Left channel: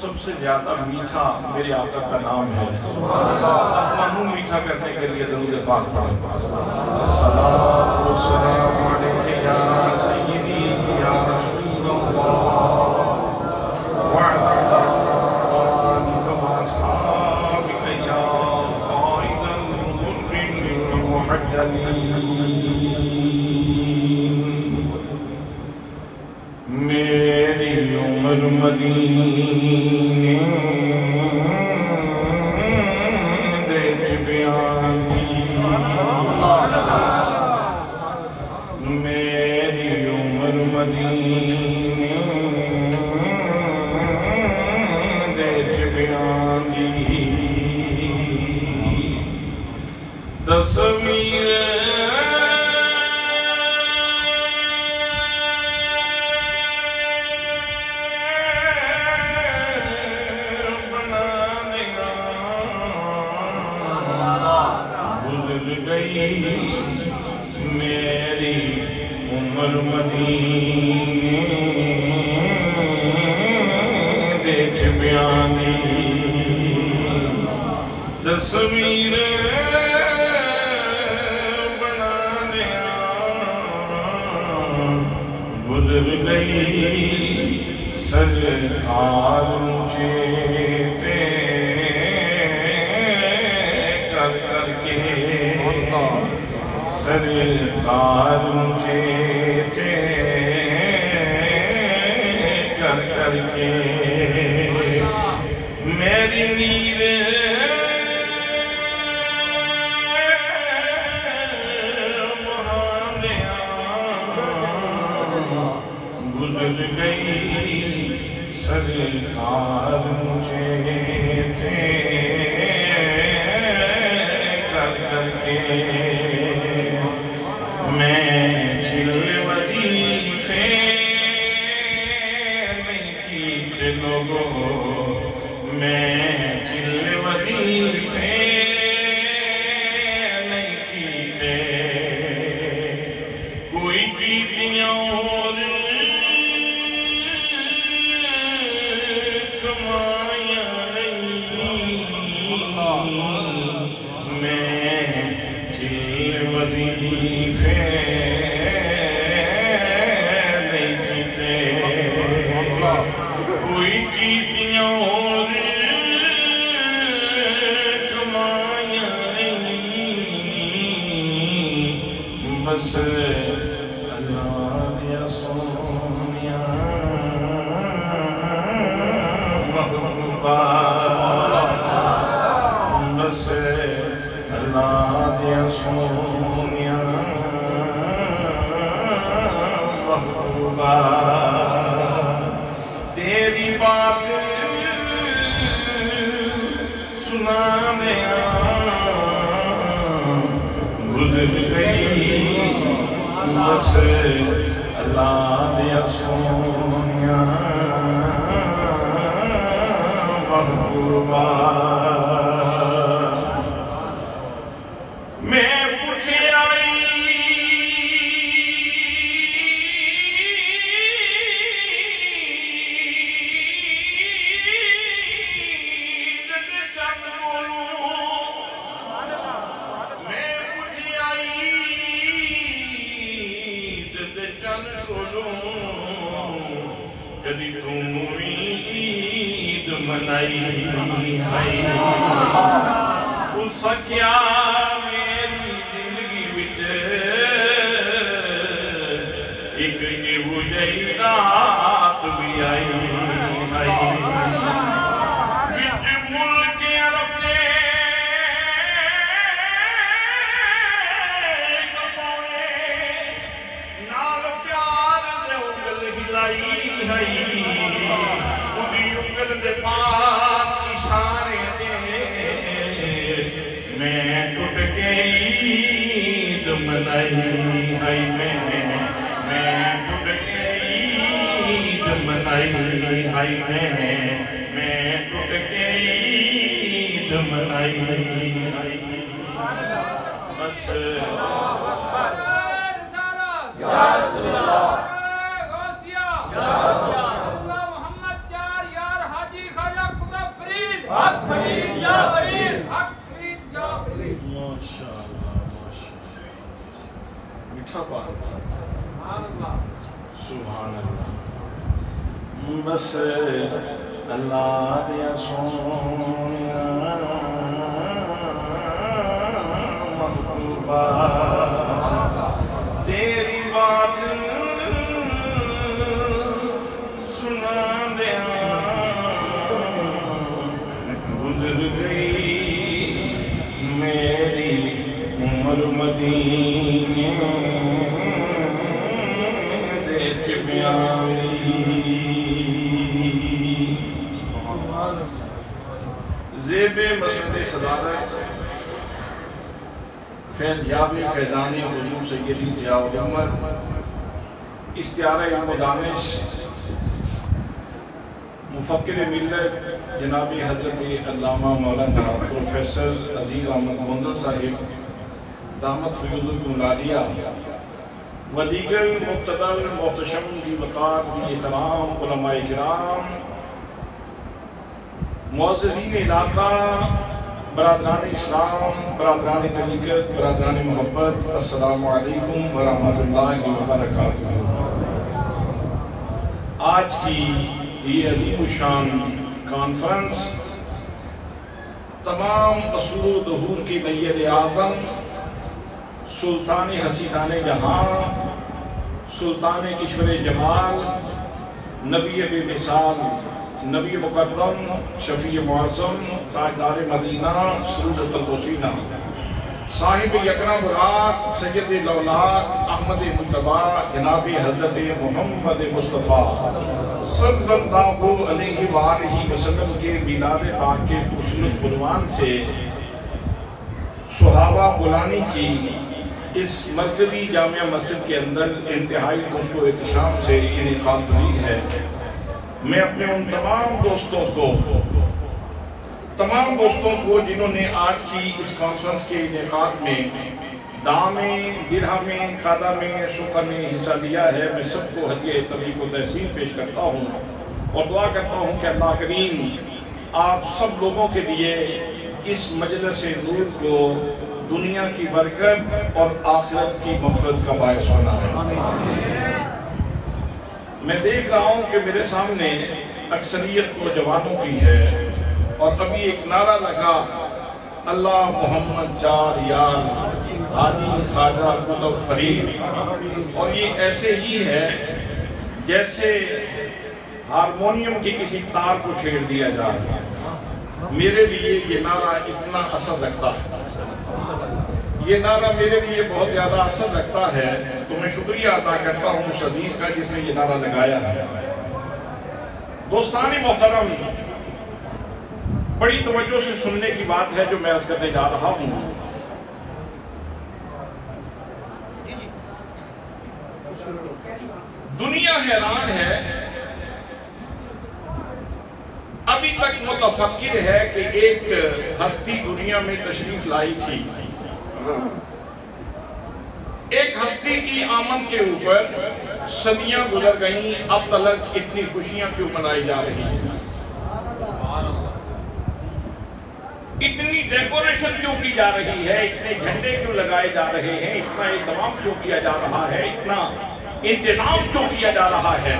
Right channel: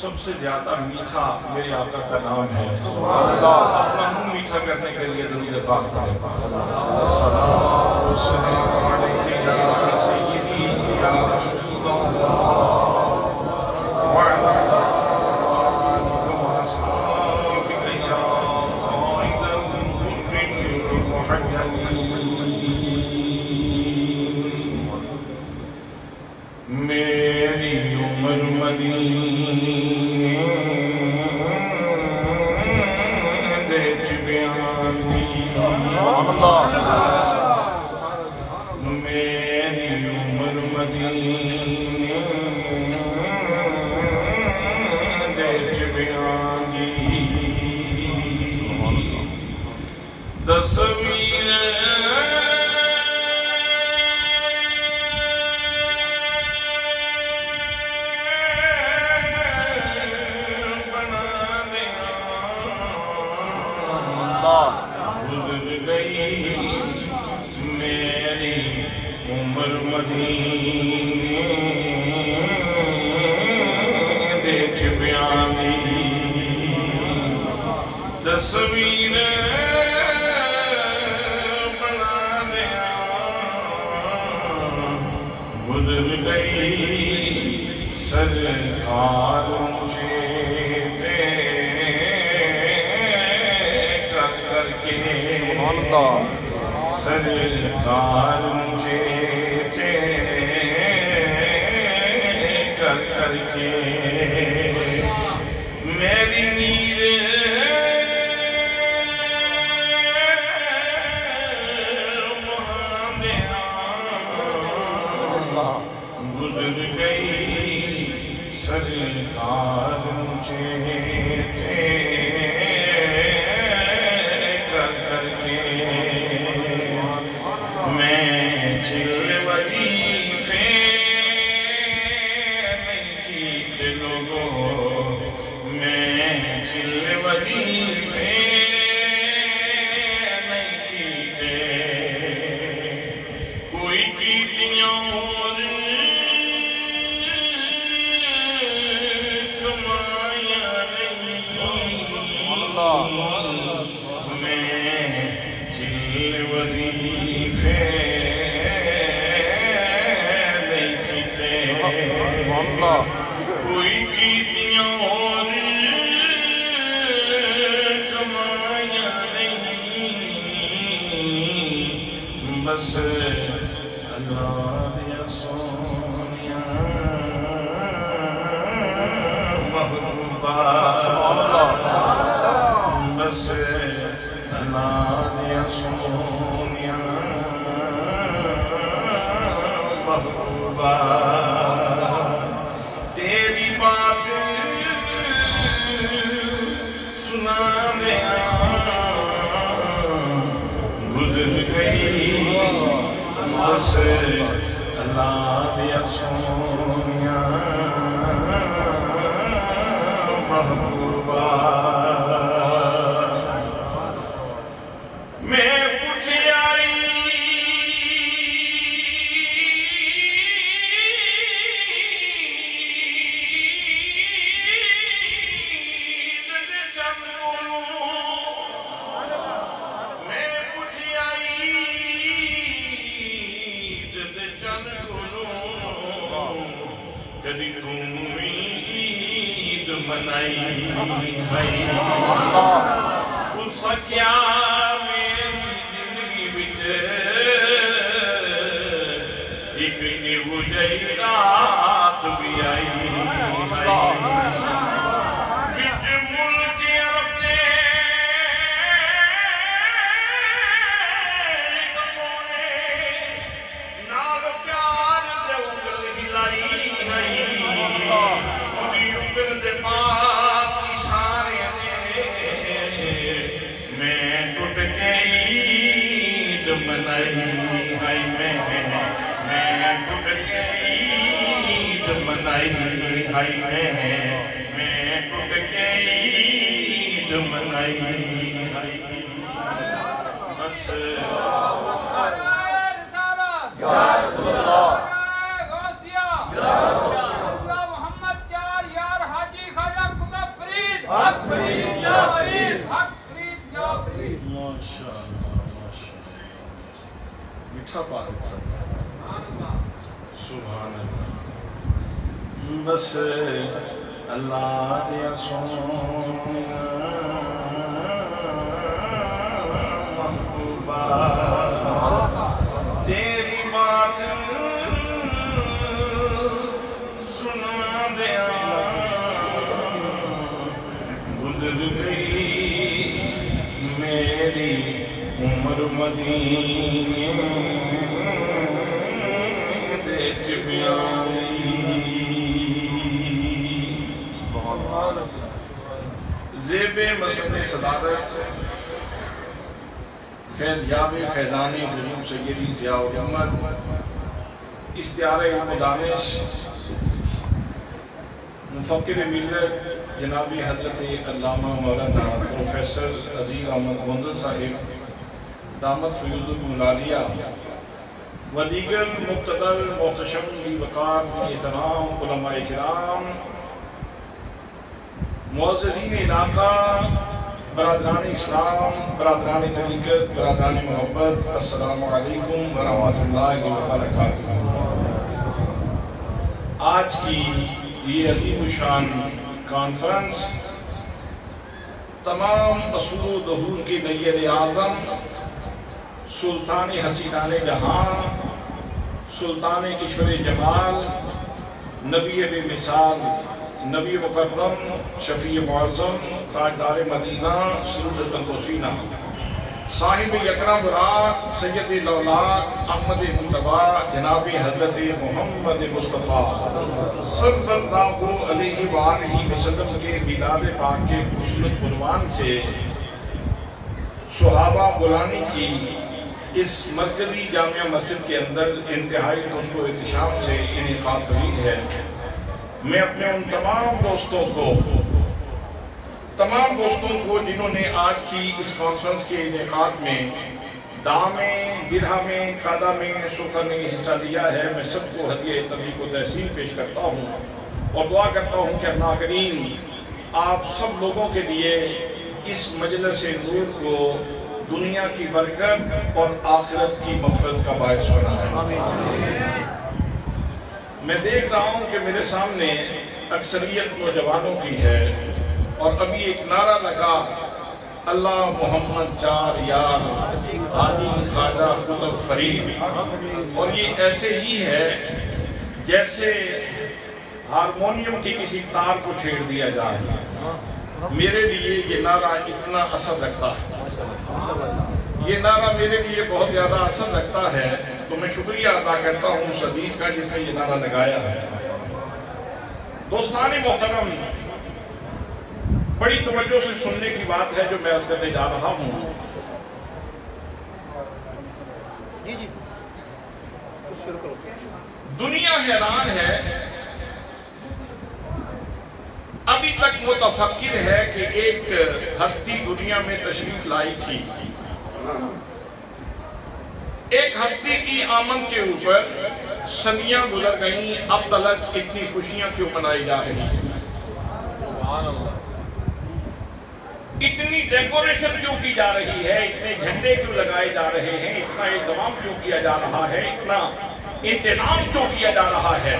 سب سے زیادہ میٹھا میرے آقا کا نام ہے اپنا منہ میٹھا کرنے کے لیے درود پاک پڑھیں الصلاۃ والسلام علیک یا سیدی یا رسول اللہ وعلی آلک واصحابک یا قائد الغر المحجلین میری عمر مدینے دیکھ بیانی میری عمر مدینے دیکھ بیانی تصویر میری عمر مدینے دیکھ بیانی تصویر بنانے گزر گئی سرکار مجھے کر کے سرکار مجھے کر کے میری نیل گزر گئی سرکار مجھے کر کے میں چل وظیفے نہیں کیتے لوگوں میں چل وظیفے نہیں کیتے کوئی کیتیاں اور کمائیاں نہیں میں چل وظیفے کوئی کیتیاں اور کمائیاں نہیں بس اللہ دیا سونیا محبوبہ بس اللہ دیا سونیا بس اللہ دیا سونیا محبوبہ میں پوچھے آئی کدی امید منائی ہے اس سچیا میری زندگی وچ ایک یہو جہی رات بھی آئی ہے وچ ملک عرب دے سونے نال پیار دے انگل ہلائی ہے پاک اشارے دے میں ٹوٹ کے عید منائی ہے میں ٹوٹ کے عید منائی ہے میں ٹوٹ کے عید منائی ہے بس میٹھا بات سبحان اللہ بس اللہ دیا سونیا محبوبہ تیری بات سنا دیا گزر گئی میری عمر مدینے زیب مسند صدارت فیضیاب فیضان حضور سیدی ضیاء الامت استعارہ علم و دانش مفکر ملت جناب حضرت علامہ مولانا پروفیسر عزیز احمد گوندل صاحب دامت فیوضکم العالیہ و دیگر مقتدر محتشم بھی وقار بھی احترام علماء کرام معززین علاقہ برادران اسلام برادران طریقت برادران محبت السلام علیکم ورحمۃ اللہ وبرکاتہ آج کی یہ عظیم الشان کانفرنس تمام اصول و ظہور کے نید اعظم سلطان حسینان جہاں سلطان کشور جمال نبی بے مثال نبی مکرم شفیع معظم تاجدار مدینہ سرور قلب صاحب یکرم براق سید لولاک احمد مجتبی جناب حضرت محمد مصطفیٰ صلی اللہ علیہ وآلہ وسلم کے میلاد پاک کے خوبصورت عنوان سے صحابہ بلانی کی اس مرکزی جامعہ مسجد کے اندر انتہائی لطف و احتشام سے انعقاد پذیر ہے میں اپنے ان تمام دوستوں کو جنہوں نے آج کی اس کانفرنس کے انعقاد میں دام میں درہم میں قادہ میں سخن میں حصہ لیا ہے میں سب کو ہدیہ تبریک و تحسین پیش کرتا ہوں اور دعا کرتا ہوں کہ اللہ کریم آپ سب لوگوں کے لیے اس مجلس نور کو دنیا کی برکت اور آخرت کی مغفرت کا باعث بنائے میں دیکھ رہا ہوں کہ میرے سامنے اکثریت نوجوانوں کی ہے اور ابھی ایک نعرہ لگا اللہ محمد چار یار حاجی خواجہ کتب فرید اور یہ ایسے ہی ہے جیسے ہارمونیم کی کسی تار کو چھیڑ دیا جائے میرے لیے یہ نعرہ اتنا اثر رکھتا ہے یہ نعرہ میرے لیے بہت زیادہ اثر رکھتا ہے تو میں شکریہ ادا کرتا ہوں اس عزیز کا جس نے یہ نعرہ لگایا ہے دوستان محترم بڑی توجہ سے سننے کی بات ہے جو میں عرض کرنے جا رہا ہوں دنیا حیران ہے، ابھی تک متفکر ہے کہ ایک ہستی دنیا میں تشریف لائی تھی، ایک ہستی کی آمد کے اوپر صدیاں گزر گئیں، اب تلک اتنی خوشیاں کیوں منائی جا رہی ہیں، اتنی ڈیکوریشن کیوں کی جا رہی ہے، اتنے جھنڈے کیوں لگائے جا رہے ہیں، اتنا اہتمام کیوں کیا جا رہا ہے، اتنا انتظام کیوں کیا جا رہا ہے؟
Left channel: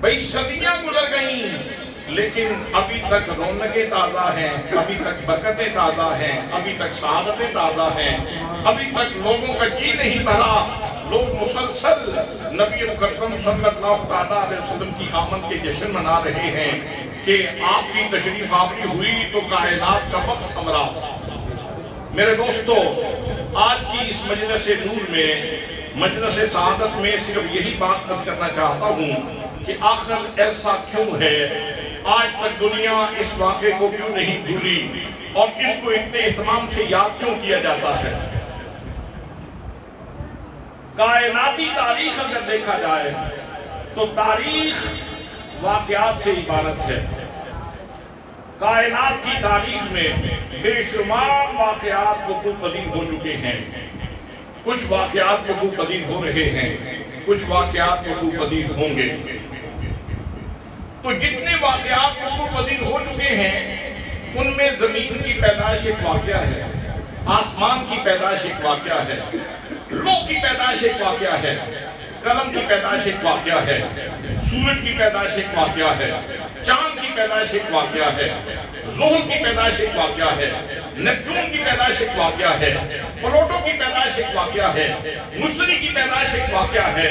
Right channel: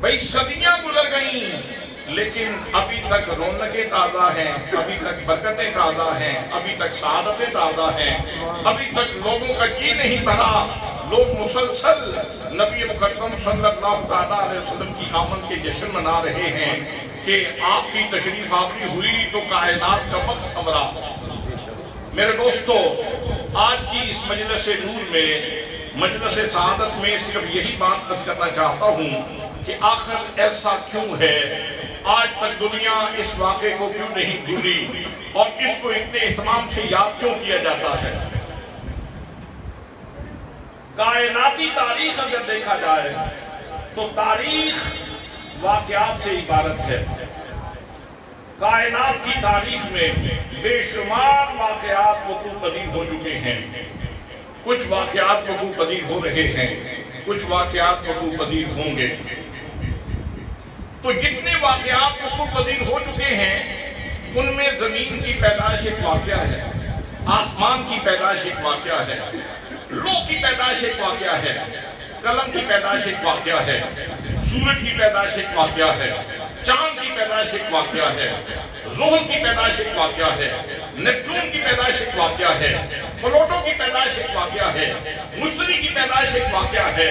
بھئی صدیاں گزر گئیں لیکن ابھی تک رونقیں تازہ ہیں، ابھی تک برکتیں تازہ ہیں، ابھی تک سعادتیں تازہ ہیں، ابھی تک لوگوں کا جی نہیں بھرا، لوگ مسلسل نبی مکرم صلی اللہ علیہ وسلم کی آمد کے جشن منا رہے ہیں کہ آپ کی تشریف آوری ہوئی تو کائنات کا وقت سنورا۔ میرے دوستو، آج کی اس مجلس نور میں، مجلس سعادت میں صرف یہی بات عرض کرنا چاہتا ہوں کہ آخر ایسا کیوں ہے، آج تک دنیا اس واقعے کو کیوں نہیں بھولی اور اس کو اتنے اہتمام سے یاد کیوں کیا جاتا ہے؟ کائناتی تاریخ اگر دیکھا جائے تو تاریخ واقعات سے عبارت ہے۔ کائنات کی تاریخ میں بے شمار واقعات وقوع پذیر ہو چکے ہیں، کچھ واقعات وقوع پذیر ہو رہے ہیں، کچھ واقعات وقوع پذیر ہوں گے۔ تو جتنے واقعات وقوع پذیر ہو چکے ہیں ان میں زمین کی پیدائش ایک واقعہ ہے، آسمان کی پیدائش ایک واقعہ ہے، لوح کی پیدائش ایک واقعہ ہے، قلم کی پیدائش ایک واقعہ ہے، سورج کی پیدائش ایک واقعہ ہے، چاند کی پیدائش ایک واقعہ ہے، زحل کی پیدائش ایک واقعہ ہے، نیپچون کی پیدائش ایک واقعہ ہے، پلوٹو کی پیدائش ایک واقعہ ہے، مشتری کی پیدائش ایک واقعہ ہے،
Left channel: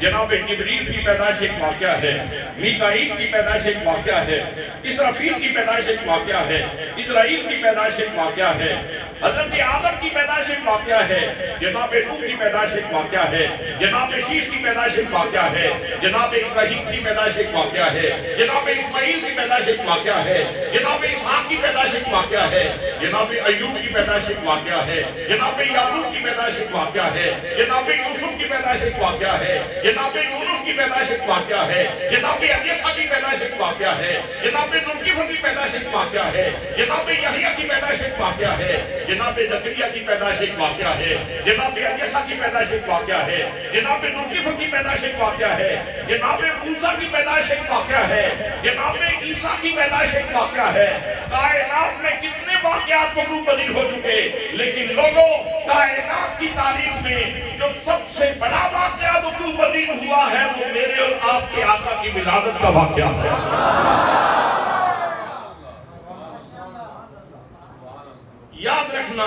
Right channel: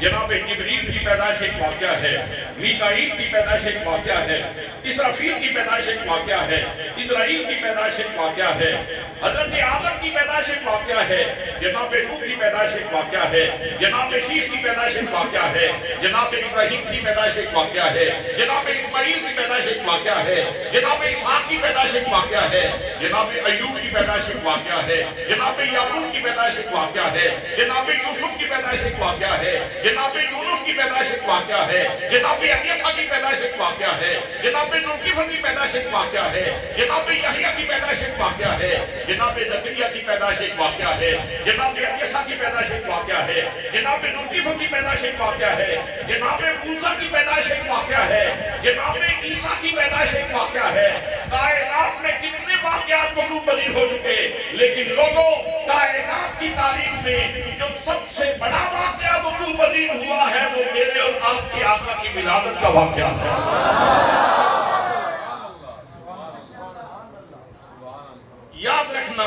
جناب جبریل کی پیدائش ایک واقعہ ہے، میکائیل کی پیدائش ایک واقعہ ہے، اسرافیل کی پیدائش ایک واقعہ ہے، اسرائیل کی پیدائش ایک واقعہ ہے، حضرت آدم کی پیدائش ایک واقعہ ہے، جناب نوح کی پیدائش ایک واقعہ ہے، جناب شیش کی پیدائش ایک واقعہ ہے، جناب ابراہیم کی پیدائش ایک واقعہ ہے، جناب اسماعیل کی پیدائش ایک واقعہ ہے، جناب اسحاق کی پیدائش ایک واقعہ ہے، جناب ایوب کی پیدائش ایک واقعہ ہے، جناب یعقوب کی پیدائش ایک واقعہ ہے، جناب یوسف کی پیدائش ایک واقعہ ہے، جناب یونس کی پیدائش ایک واقعہ ہے، جناب الیسا کی پیدائش ایک واقعہ ہے، جناب ذوالکفل کی پیدائش ایک واقعہ ہے، جناب یحییٰ کی پیدائش ایک واقعہ ہے، جناب زکریا کی پیدائش ایک واقعہ ہے، جناب الیسا کی پیدائش ایک واقعہ ہے، جناب ذوالکفل کی پیدائش ایک واقعہ ہے، جناب موسیٰ کی پیدائش ایک واقعہ ہے، جناب عیسیٰ کی پیدائش ایک واقعہ ہے۔ کائنات میں کتنے واقعات وقوع پذیر ہو چکے، لیکن لوگوں، کائنات کی تاریخ میں جو سب سے بڑا واقعہ وقوع پذیر ہوا ہے وہ میرے اور آپ کے آقا کی ولادت کا واقعہ ہے۔ یاد رکھنا،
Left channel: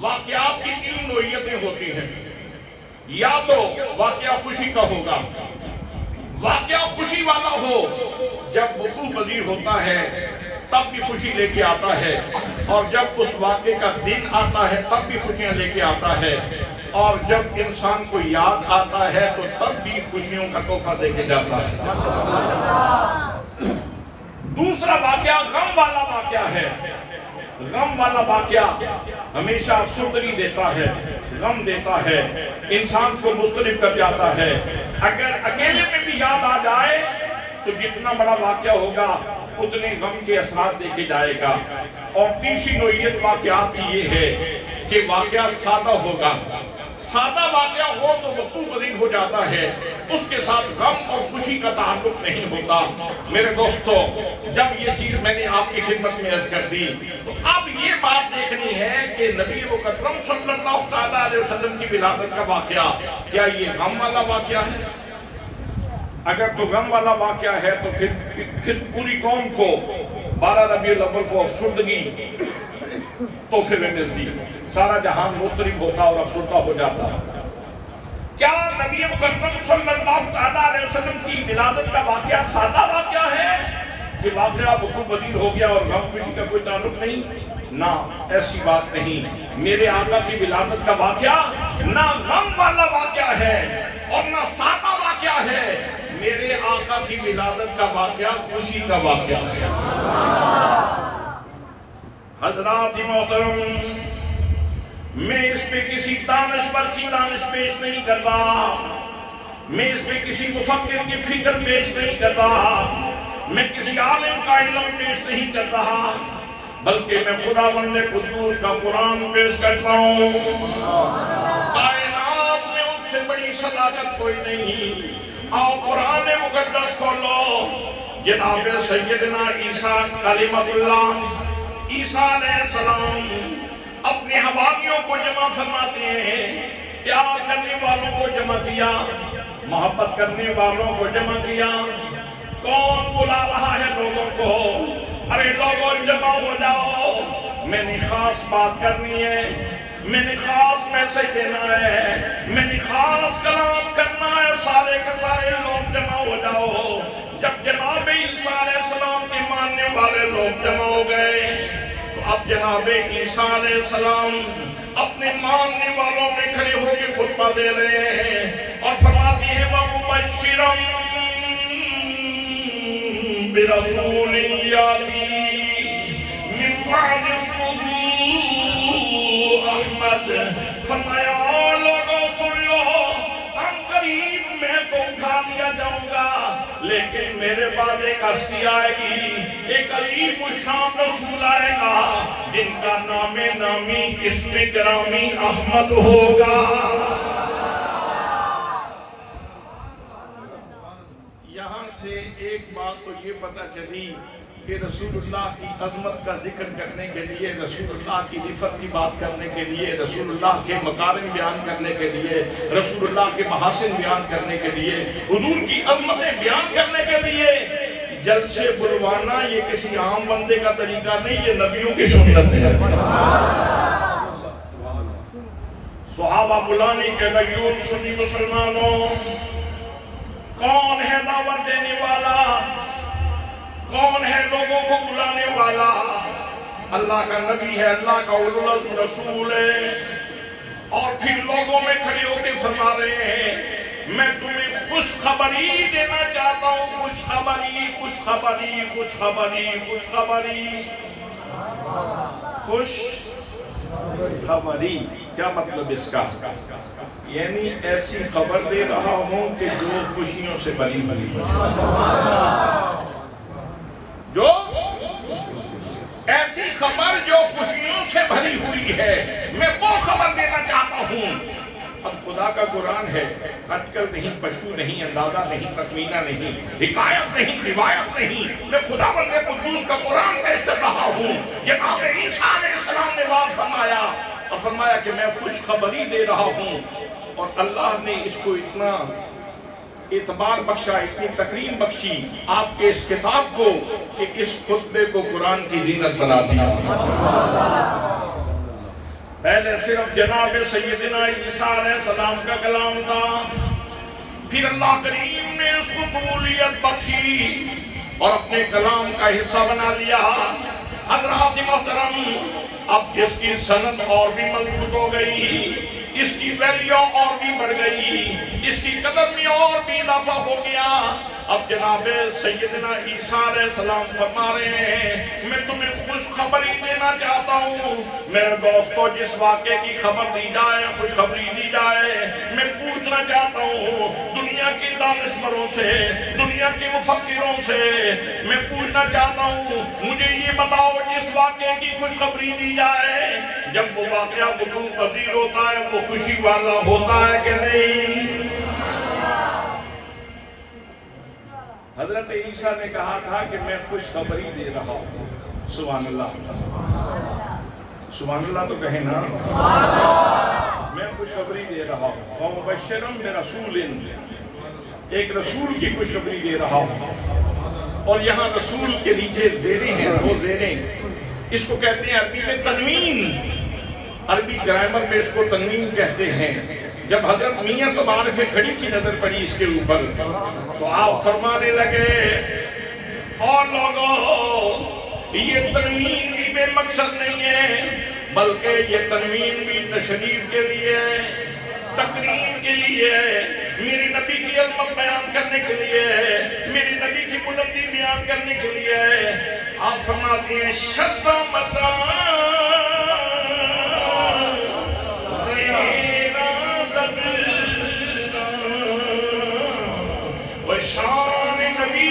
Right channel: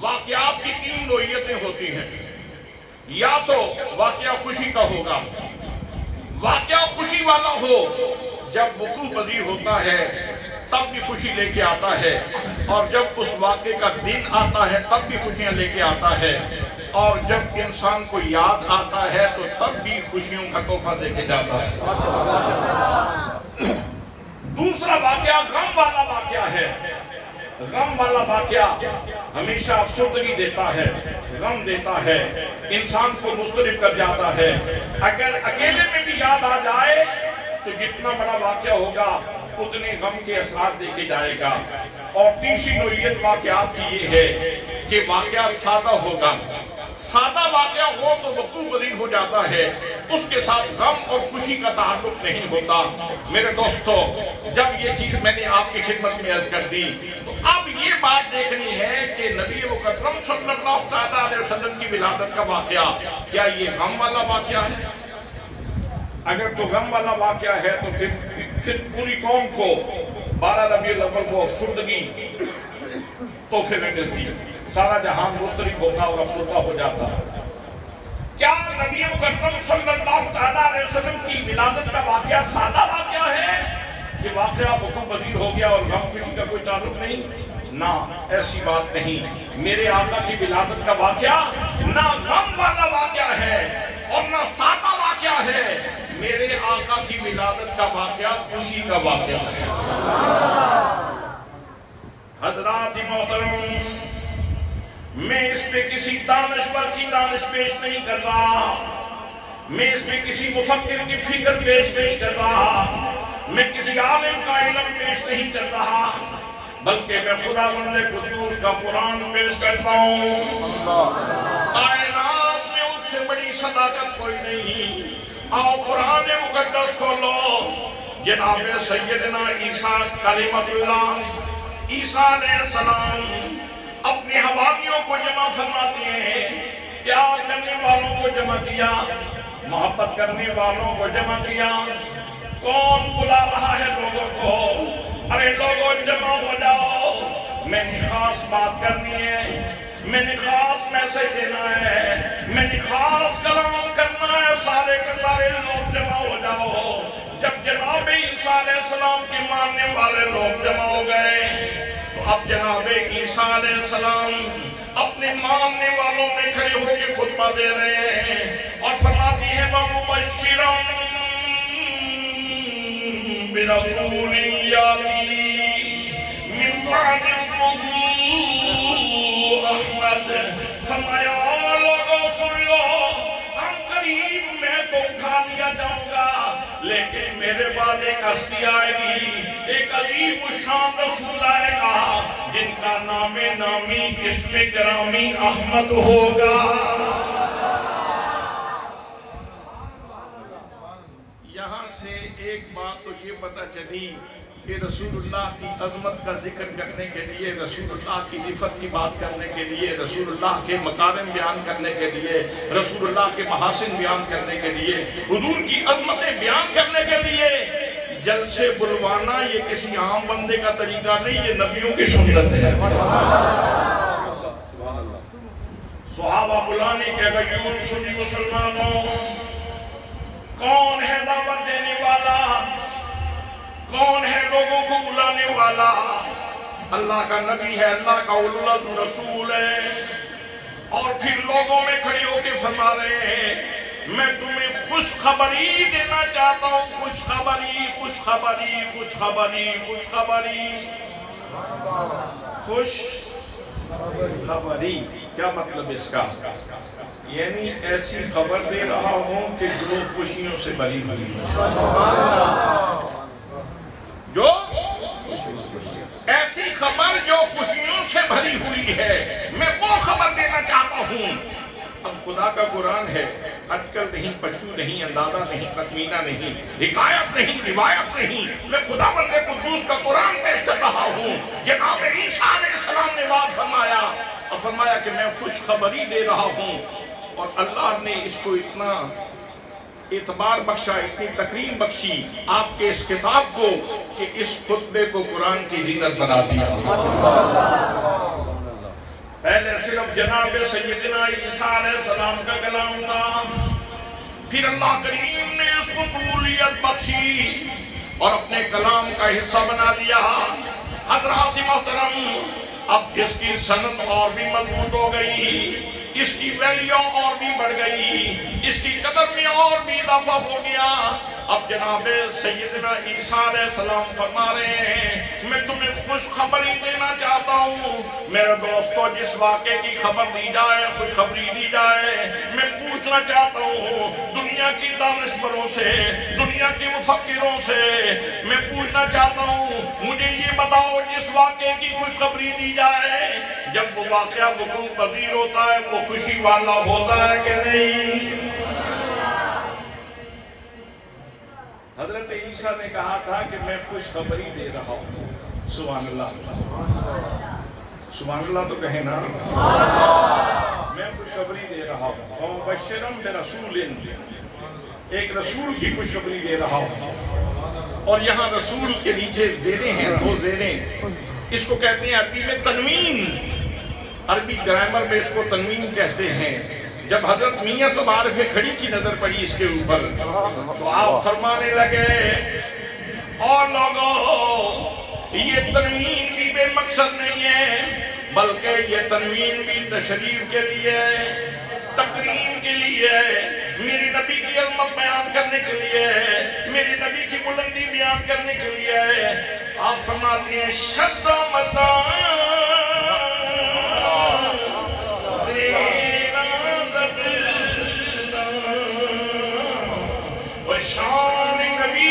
واقعات کی تین نوعیتیں ہوتی ہیں، یا تو واقعہ خوشی کا ہوگا، واقعہ خوشی والا ہو، جب وقوع پذیر ہوتا ہے تب بھی خوشی لے کے آتا ہے، اور جب اس واقعے کا دن آتا ہے تب بھی خوشیاں لے کے آتا ہے، اور جب انسان کو یاد آتا ہے تو تب بھی خوشیوں کا تحفہ دے کے جاتا ہے۔ دوسرا واقعہ غم والا واقعہ ہے۔ غم والا واقعہ ہمیشہ افسردگی دیتا ہے، غم دیتا ہے، انسان کو مضطرب کر جاتا ہے۔ اگر اکیلے میں بھی یاد آ جائے تو جتنا بڑا واقعہ ہوگا اتنے غم کے اثرات دیکھے جائے گا۔ اور تیسری نوعیت واقعات کی یہ ہے کہ واقعہ سادہ ہوگا۔ سادہ واقعہ ہو تو وقوع پذیر ہو جاتا ہے، اس کے ساتھ غم اور خوشی کا تعلق نہیں ہوتا۔ میرے دوستو، جب یہ چیز میں نے آپ کی خدمت میں عرض کر دی تو اب یہ بات دیکھنی ہے کہ نبی مکرم صلی اللہ علیہ وسلم کی ولادت کا واقعہ کیا یہ غم والا واقعہ ہے؟ اگر تو غم والا واقعہ ہے تو پھر پوری قوم کو 12 ربیع الاول کو افسردگی تحفے میں ملتی ہے، سارا جہان مضطرب ہوتا اور افسردہ ہو جاتا۔ کیا نبی مکرم صلی اللہ علیہ وسلم کی ولادت کا واقعہ سادہ واقعہ ہے کہ واقعہ وقوع پذیر ہو گیا اور غم خوشی کا کوئی تعلق نہیں؟ نہ، ایسی بات نہیں۔ میرے آقا کی ولادت کا واقعہ نہ غم والا واقعہ ہے اور نہ سادہ واقعہ ہے، میرے آقا کی ولادت کا واقعہ خوشی کا واقعہ ہے۔ حضرات محترم، میں اس پہ کسی دانشور کی دانش پیش نہیں کر رہا، میں اس پہ کسی مفکر کی فکر پیش نہیں کر رہا، میں کسی عالم کا علم پیش نہیں کر رہا، بلکہ میں خداوند قدوس کا قرآن پیش کرتا ہوں۔ کائنات میں اس سے بڑی صداقت کوئی نہیں۔ آؤ قرآن مقدس کھولو، جناب سیدنا عیسیٰ کلمۃ اللہ، عیسیٰ علیہ السلام اپنے حواریوں کو جمع فرماتے ہیں، پیار کرنے والوں کو جمع کیا، محبت کرنے والوں کو جمع کیا۔ کون بلا رہا ہے لوگوں کو؟ ارے لوگوں جمع ہو جاؤ، میں نے خاص بات کرنی ہے، میں نے خاص میسج دینا ہے، میں نے خاص کلام کرنا ہے، سارے کے سارے لوگ جمع ہو جاؤ۔ جب جناب عیسیٰ علیہ السلام کے ماننے والے لوگ جمع ہو گئے تو اب جناب عیسیٰ علیہ السلام اپنے ماننے والوں میں کھڑے ہو کے خطبہ دے رہے ہیں اور فرماتی ہیں وَمُبَشِّرًا بِرَسُولٍ يَأْتِي مِن بَعْدِ اسْمُهُ احمد۔ فرمایا لوگوں سن لو، ہم قریب میں تو اٹھا لیا جاؤں گا، لیکن میرے بعد ایک ہستی آئے گی، ایک عظیم الشان رسول آئے گا جن کا نام نامی اسم گرامی احمد ہوگا۔ یہاں سے ایک بات تو یہ پتہ چلی کہ رسول اللہ کی عظمت کا ذکر کرنے کے لیے، رسول اللہ کی رفت کی بات کرنے کے لیے، رسول اللہ کے مکارم بیان کرنے کے لیے، رسول اللہ کے محاسن بیان کرنے کے لیے، حضور کی عظمتیں بیان کرنے کے لیے جلسے بلوانا یہ کسی عام بندے کا طریقہ نہیں، یہ نبیوں کی سنت ہے۔ صحابہ بلانے کے غیور سنی مسلمانوں، کون ہے دعوت دینے والا؟ کون ہے لوگوں کو بلانے والا؟ اللہ کا نبی ہے، اللہ کا اولو العزم رسول ہے۔ اور پھر لوگوں میں کھڑے ہو کے فرما رہے ہیں میں تمہیں خوشخبری دینا چاہتا ہوں، خوشخبری خوشخبری خوشخبری خوشخبری خوشخبری۔ کیا مطلب اس کا؟ یعنی ایسی خبر دے رہا ہوں کہ جو خوشیوں سے بھری ہوئی ہے، جو ایسی خبر جو خوشیوں سے بھری ہوئی ہے، میں وہ خبر دینا چاہتا ہوں۔ اب خدا کا قرآن ہے، اٹکل نہیں، پچو نہیں، اندازہ نہیں، تخمینہ نہیں، حکایت نہیں، روایت نہیں، میں خدا بند قدوس کا قرآن پیش کر رہا ہوں۔ جناب عیسیٰ علیہ السلام نے بات فرمایا اور فرمایا کہ میں خوشخبری دے رہا ہوں، اور اللہ نے اس کو اتنا اعتبار بخشا، اتنی تکریم بخشی آپ کے اس کتاب کو کہ اس خطبے کو قرآن کی زینت بنا دیا۔ پہلے صرف جناب سیدنا عیسیٰ علیہ السلام کا کلام تھا، پھر اللہ کریم نے اس کو قبولیت بخشی اور اپنے کلام کا حصہ بنا لیا۔ حضرات محترم، اب اس کی سند اور بھی مضبوط ہو گئی، اس کی ویلیو اور بھی بڑھ گئی، اس کی قدر میں اور بھی اضافہ ہو گیا۔ اب جناب سیدنا عیسیٰ علیہ السلام فرما رہے ہیں میں تمہیں خوشخبری دینا چاہتا ہوں۔ میرے دوستو، جس واقعے کی خبر دی جائے، خوشخبری دی جائے، میں پوچھنا چاہتا ہوں دنیا کی دانشوروں سے، دنیا کے مفکروں سے، میں پوچھنا چاہتا ہوں مجھے یہ بتاؤ جس واقعے کی خوشخبری دی جائے، جب وہ واقعہ وقوع پذیر ہوتا ہے وہ خوشی والا ہوتا ہے کہ نہیں؟ حضرت عیسیٰ نے کہا تھا کہ میں خوشخبری دے رہا ہوں۔ سبحان اللہ، سبحان اللہ تو کہیں نا، میں خوشخبری دے رہا ہوں۔ وَمُبَشِّرًا بِرَسُولٍ، ایک رسول کی خوشخبری دے رہا ہوں۔ اور یہاں رسول کے نیچے زیریں ہیں، دو زیریں، اس کو کہتے ہیں عربی میں تنوین، عربی گرامر میں اس کو تنوین کہتے ہیں۔ جب حضرت میاں صاحب عارف کھڑی کی نظر پڑی اس کے اوپر تو آپ فرمانے لگے اور لوگوں، یہ تنوین بھی بے مقصد نہیں ہے، بلکہ یہ تنوین بھی تشریف کے لیے، تکریم کے لیے، میرے نبی کی عظمت بیان کرنے کے لیے، میرے نبی کی بلندی بیان کرنے کے لیے۔ آپ فرماتے ہیں شد و مدان شان نبی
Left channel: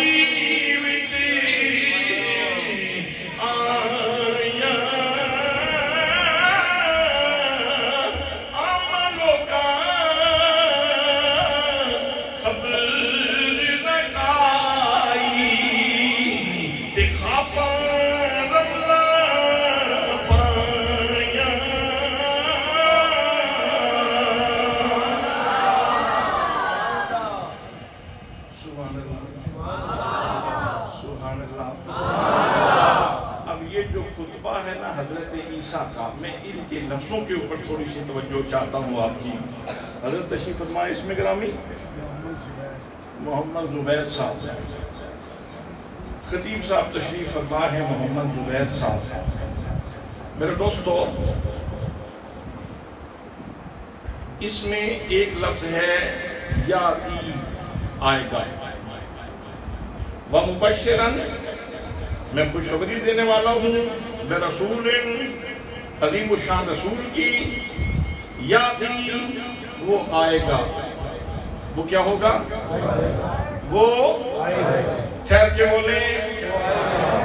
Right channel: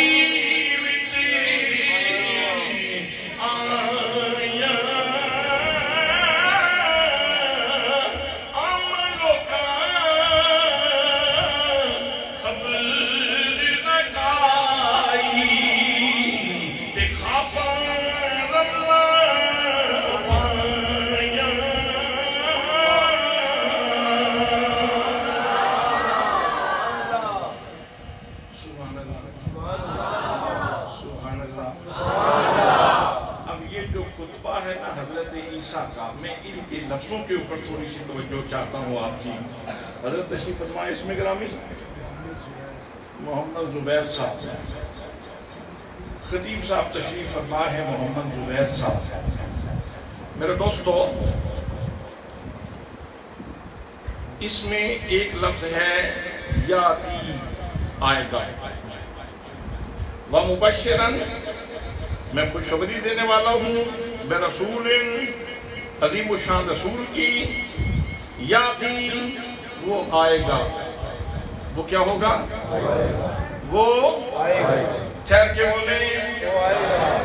خطبہ ہے نا حضرت عیسیٰ کا، میں ان کے لفظوں کے اوپر تھوڑی سی توجہ چاہتا ہوں آپ کی. حضرت تشریف فرمائے اس میں گرامی محمد زبیر صاحب، خطیب صاحب تشریف فرما ہے محمد زبیر صاحب. میرے دوستو، اس میں ایک لفظ ہے یاتی، آئے گا. وَمُبَشِّرًا، میں خوشخبری دینے والا ہوں برسول عظیم الشان رسول کی. یاتی، وہ آئے گا. وہ کیا ہوگا؟ وہ ٹھہر کے بولیں،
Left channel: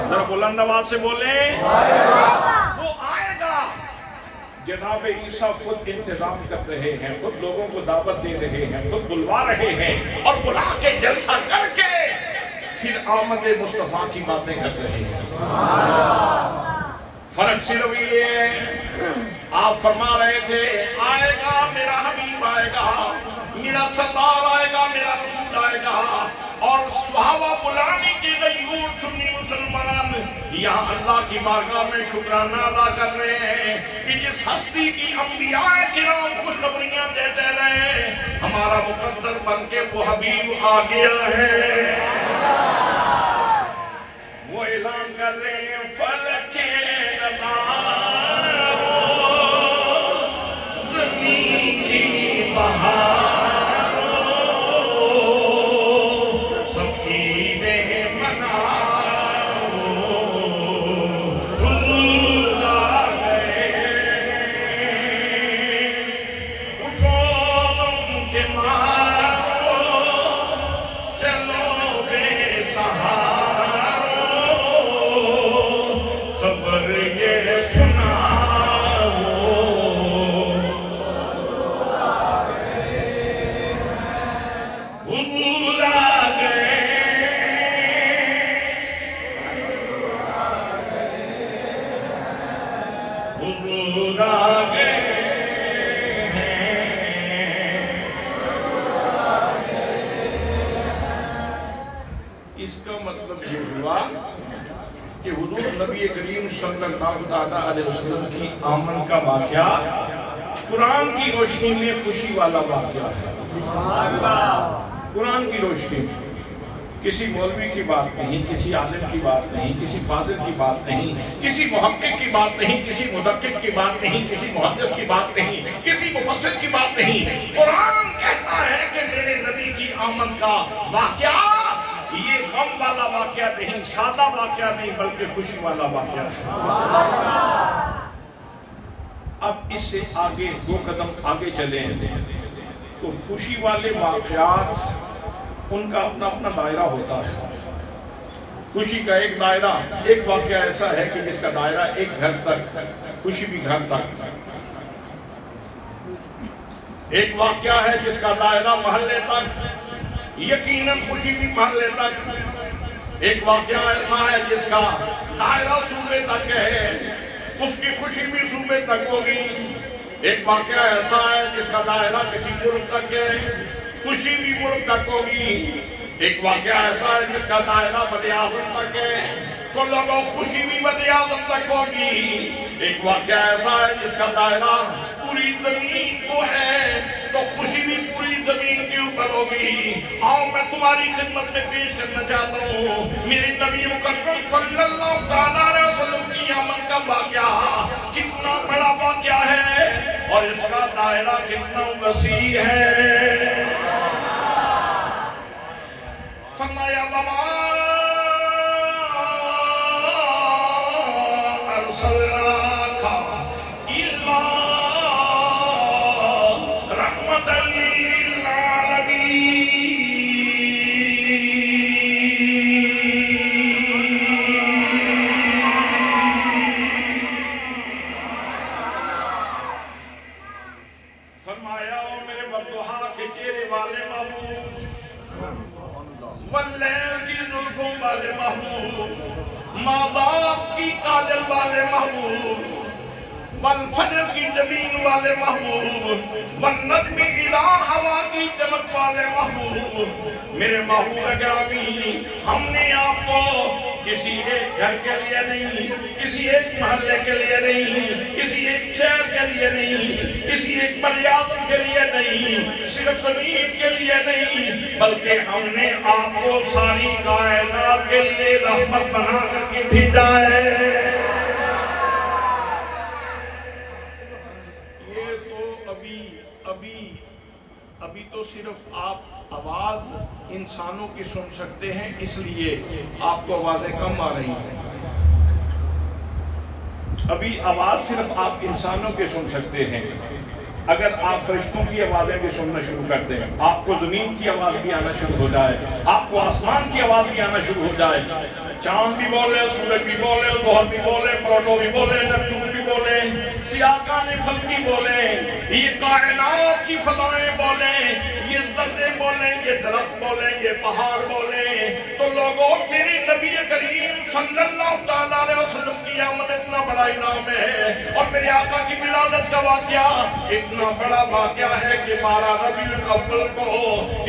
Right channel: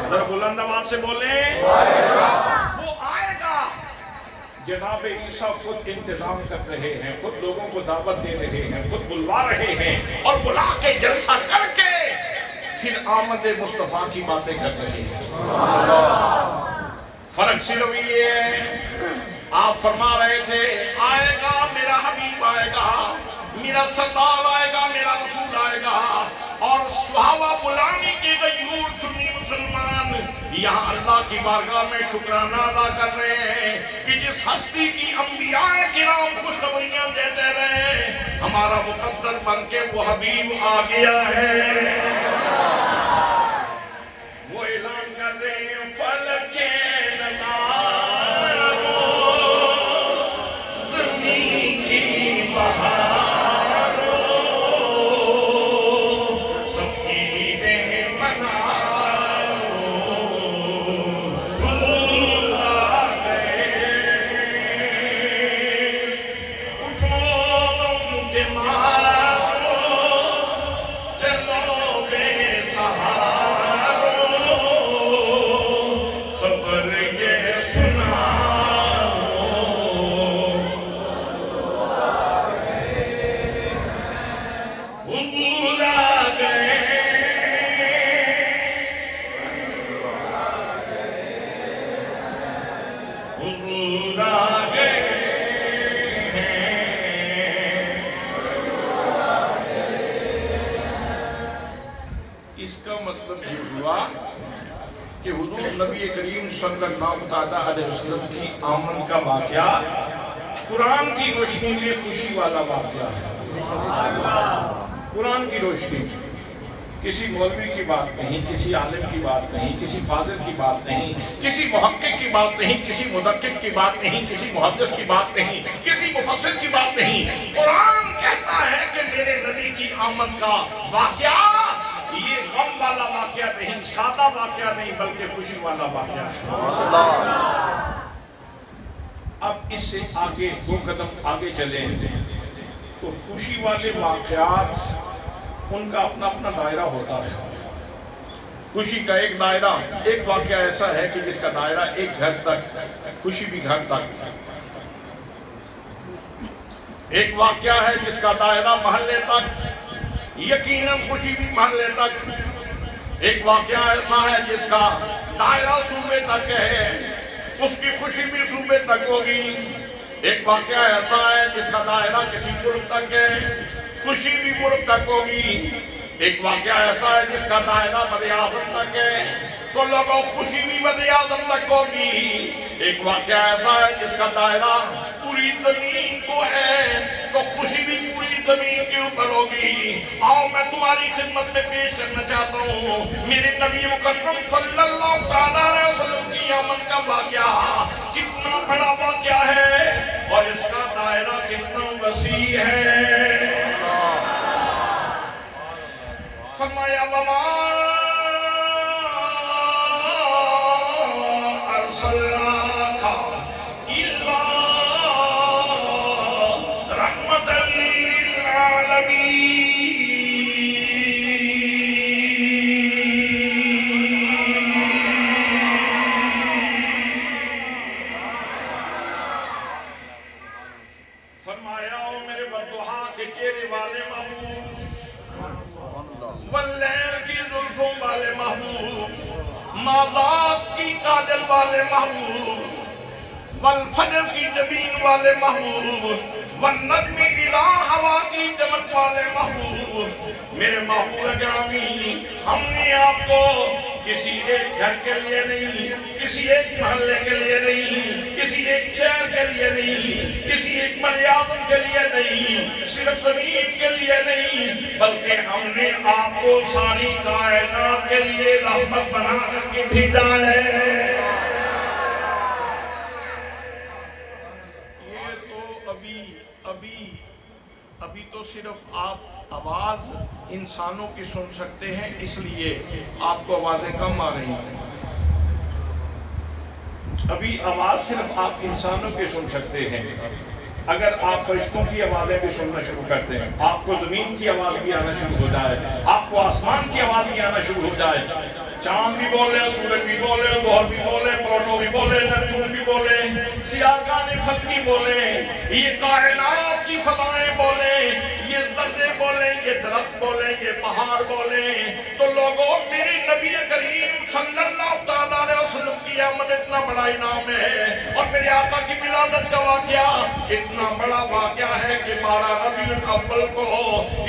ذرا بلند آواز سے بولیں. وہ آئے گا. جناب عیسیٰ خود انتظام کر رہے ہیں، خود لوگوں کو دعوت دے رہے ہیں، خود بلوا رہے ہیں، اور بلا کے جلسہ کر کے پھر آمد مصطفیٰ کی باتیں کر رہے ہیں. فرق صرف یہ ہے، آپ فرما رہے تھے آئے گا میرا حبیب، آئے گا میرا سردار، آئے گا میرا رسول، آئے گا. اور صحابہ بلانے کے غیور سنی مسلمان یہاں اللہ کی بارگاہ میں شکرانہ ادا کر رہے ہیں کہ جس ہستی کی انبیاء کرام خوشخبریاں دیتے رہے، ہمارا مقدر بن کے وہ حبیب آ گیا ہے. وہ اعلان کر رہے ہیں فلک نظارو زمین کی بہارو سفینے منارو رول آگئے اٹھو کے مارو چلو بے سہارو خبر یہ سناؤ حضور آ گئے حضور آ گئے. اس کا مطلب یہ ہوا کہ حضور نبی کریم صلی اللہ علیہ وسلم کی آمد کا واقعہ قرآن کی روشنی میں خوشی والا واقعہ ہے. قرآن کی روشنی میں کسی مولوی کی بات نہیں، کسی عالم کی بات نہیں، کسی فاضل کی بات نہیں، کسی محقق کی بات نہیں، کسی مدقق کی بات نہیں، کسی محدث کی بات نہیں، کسی مفسر کی بات نہیں. قرآن کہتا ہے کہ میرے نبی کی آمد کا واقعہ یہ غم والا واقعہ نہیں، سادہ واقعہ نہیں، بلکہ خوشی والا واقعہ ہے. اب اس سے آگے 2 قدم آگے چلیں تو خوشی والے واقعات ان کا اپنا اپنا دائرہ ہوتا ہے. خوشی کا ایک دائرہ، ایک واقعہ ایسا ہے کہ جس کا دائرہ ایک گھر تک، خوشی بھی گھر تک. ایک واقعہ ہے جس کا دائرہ محلے تک، یقیناً خوشی بھی محلے تک. ایک واقعہ ایسا ہے جس کا دائرہ صوبے تک ہے، اس کی خوشی بھی صوبے تک ہوگی. ایک واقعہ ایسا ہے جس کا دائرہ کسی ملک تک ہے، خوشی بھی ملک تک ہوگی. ایک واقعہ ایسا ہے جس کا دائرہ وزیراعظم تک ہے، تو لوگوں خوشی بھی وزیراعظم تک ہوگی. ایک واقعہ ایسا ہے جس کا دائرہ پوری زمین کو ہے، تو خوشی بھی پوری زمین کے اوپر ہوگی. آؤ میں تمہاری خدمت میں پیش کرنا چاہتا ہوں میرے نبی مکرم صلی اللہ علیہ وسلم کی آمد کا واقعہ کتنا بڑا واقعہ ہے اور اس کا دائرہ کتنا وسیع ہے. فرمایا وما ارسلناک الا رحمتا للعالمین. فرمایا او میرے والضحا کے چہرے والے محبوب، واللیل کی زلفوں والے محبوب، ماذاب کی کاجل والے محبوب، والفجر کی جبین والے محبوب، والنجم اذا ہوا کی چمک والے محبوب، میرے محبوب گرامی، ہم نے آپ کو کسی ایک گھر کے لیے نہیں، کسی ایک محلے کے لیے نہیں، کسی ایک شہر کے لیے نہیں، کسی ایک بر-اعظم کے لیے نہیں، صرف زمین کے لیے نہیں، بلکہ ہم نے آپ کو ساری کائنات کے لیے رحمت بنا کر کے بھیجا ہے۔ یہ تو ابھی تو صرف آپ آواز انسانوں کی سن سکتے ہیں، اس لیے آپ کو آوازیں کم آ رہی ہیں۔ ابھی آواز صرف آپ انسانوں کے سن سکتے ہیں، اگر آپ فرشتوں کی آوازیں بھی سننا شروع کرتے ہیں، آپ کو زمین کی آواز بھی آنا شروع ہو جائے، آپ کو آسمان کی آواز بھی آنا شروع ہو جائے، چاند بھی بولے، سورج بھی بولے، ظہر بھی بولے، پلوٹو بھی بولے، نیپچون بھی بولے، سیارگان فلک بھی بولے، یہ کائنات کی فضائیں بولیں، یہ ذرے بولیں، یہ درخت بولیں، یہ پہاڑ بولیں، تو لوگوں میرے نبی کریم صلی اللہ علیہ وسلم کی آمد اتنا بڑا انعام ہے، اور میرے آقا کی ولادت کا واقعہ اتنا بڑا واقعہ ہے کہ 12 ربیع الاول کو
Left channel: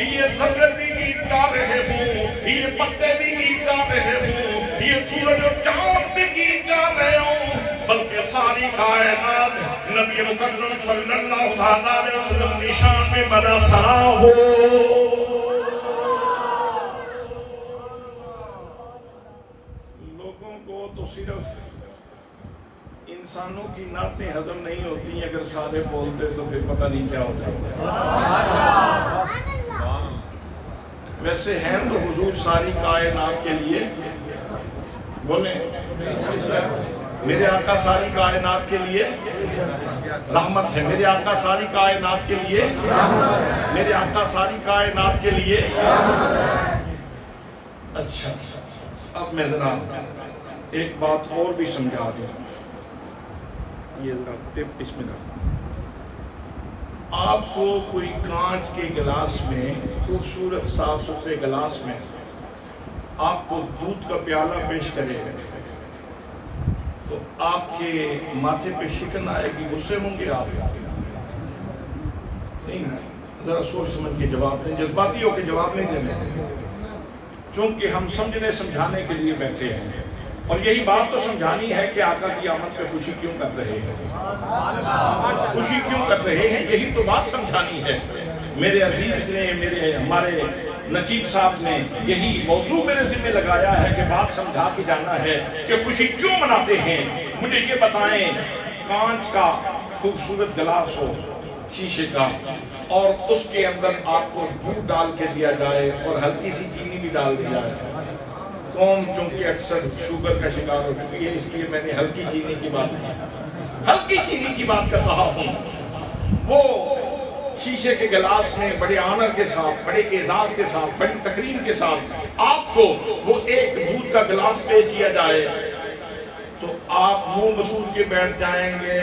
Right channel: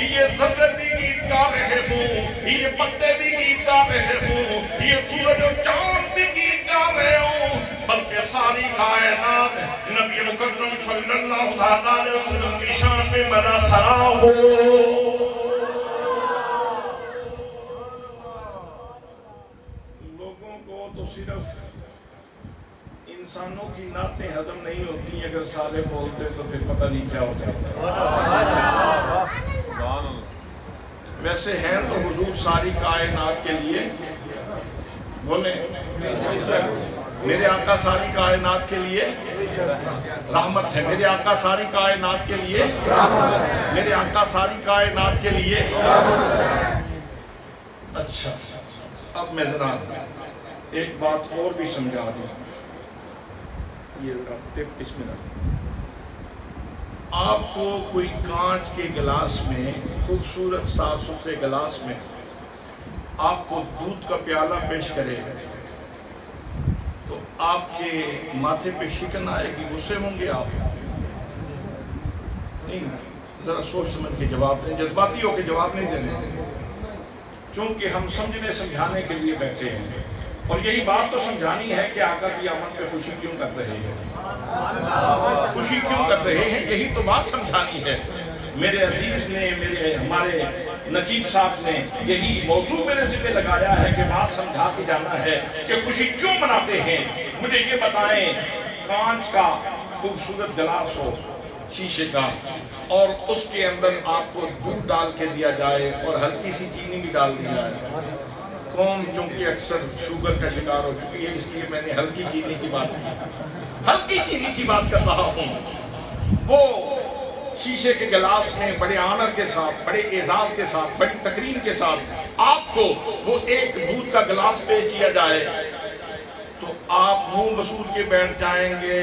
یہ ذرے بھی گیت گا رہے ہوں، یہ پتے بھی گیت گا رہے ہوں، یہ سورج و چاند بھی گیت گا رہے ہوں، بلکہ ساری کائنات نبی مکرم صلی اللہ علیہ وسلم کی شان میں مدح سرا ہو۔ لوگوں کو تو صرف انسانوں کی نعتیں ہضم نہیں ہوتی، اگر سارے بولتے تو پھر پتہ نہیں کیا ہوتا۔ ویسے ہیں تو حضور ساری کائنات کے لیے، بولیں میرے آقا ساری کائنات کے لیے رحمت ہے، میرے آقا ساری کائنات کے لیے، میرے آقا ساری کائنات کے لیے۔ اچھا، اب میں ذرا ایک بات اور بھی سمجھا دوں، یہ ذرا ٹپ اس میں رکھ۔ آپ کو کوئی کانچ کے گلاس میں، خوبصورت صاف ستھرے گلاس میں آپ کو دودھ کا پیالہ پیش کرے تو آپ کے ماتھے پہ شکن آئے گی، غصے ہوں گے آپ؟ نہیں، ذرا سوچ سمجھ کے جواب دیں، جذباتی ہو کے جواب نہیں دینے، چونکہ ہم سمجھنے سمجھانے کے لیے بیٹھے ہیں، اور یہی بات تو سمجھانی ہے کہ آقا کی آمد پہ خوشی کیوں کر رہے ہیں، خوشی کیوں کر رہے ہیں، یہی تو بات سمجھانی ہے۔ میرے عزیز نے، ہمارے نقیب صاحب نے یہی موضوع میرے ذمہ لگایا ہے کہ بات سمجھا کے جانا ہے کہ خوشی کیوں مناتے ہیں۔ مجھے یہ بتائیں، کانچ کا خوبصورت گلاس ہو شیشے کا، اور اس کے اندر آپ کو دودھ ڈال کے دیا جائے اور ہلکی سی چینی بھی ڈال دی جائے، قوم چونکہ اکثر شوگر کا شکار ہو چکی ہے، اس لیے میں نے ہلکی چینی کی بات کی، ہلکی چینی کی بات کر رہا ہوں، وہ شیشے کے گلاس میں بڑے آنر کے ساتھ، بڑے اعزاز کے ساتھ، بڑی تکریم کے ساتھ آپ کو وہ ایک دودھ کا گلاس پیش کیا جائے تو آپ منہ بسور کے بیٹھ جائیں گے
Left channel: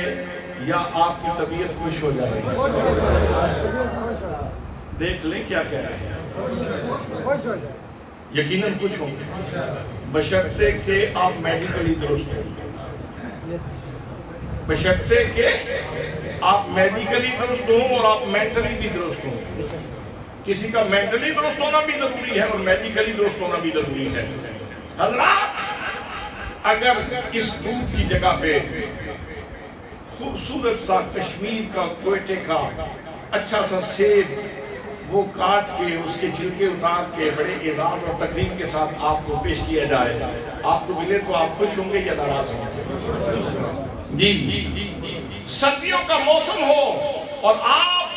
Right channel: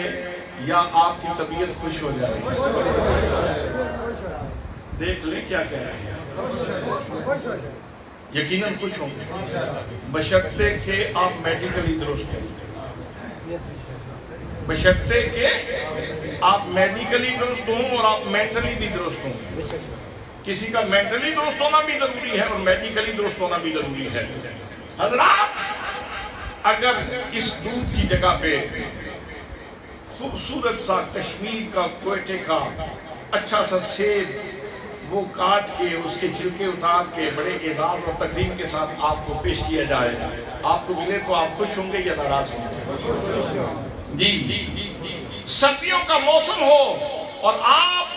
یا آپ کی طبیعت خوش ہو جائے گی؟ دیکھ لیں کیا کہہ رہے ہیں، یقیناً خوش ہوں گے، بشرطے کہ آپ میڈیکلی درست ہیں، بشرطے کہ آپ میڈیکلی درست ہوں اور آپ مینٹلی بھی درست ہوں۔ کسی کا مینٹلی درست ہونا بھی ضروری ہے اور میڈیکلی درست ہونا بھی ضروری ہے۔ حضرات، اگر اس دودھ کی جگہ پہ خوبصورت سا کشمیر کا، کوئٹے کا اچھا سا سیب وہ کاٹ کے اس کے چھلکے اتار کے بڑے اعزاز اور تکریم کے ساتھ آپ کو پیش کیا جائے، آپ کو ملے تو آپ خوش ہوں گے یا ناراض ہوں گے؟ جی، سردیوں کا موسم ہو اور آپ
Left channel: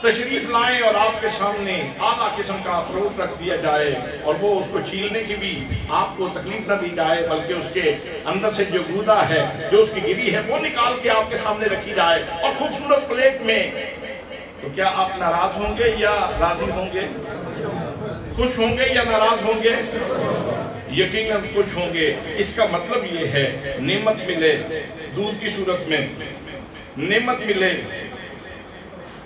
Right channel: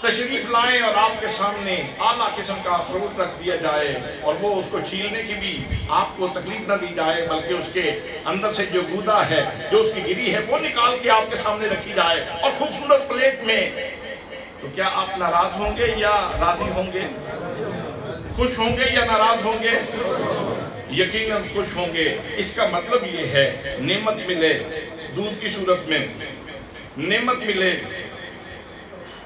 تشریف لائیں اور آپ کے سامنے اعلیٰ قسم کا اخروٹ رکھ دیا جائے اور وہ اس کو چھیلنے کی بھی آپ کو تکلیف نہ دی جائے، بلکہ اس کے اندر سے جو گودا ہے، جو اس کی گری ہے، وہ نکال کے آپ کے سامنے رکھی جائے اور خوبصورت پلیٹ میں، تو کیا آپ ناراض ہوں گے یا راضی ہوں گے؟ خوش ہوں گے یا ناراض ہوں گے؟ یقیناً خوش ہوں گے۔ اس کا مطلب یہ ہے نعمت ملے دودھ کی صورت میں، نعمت ملے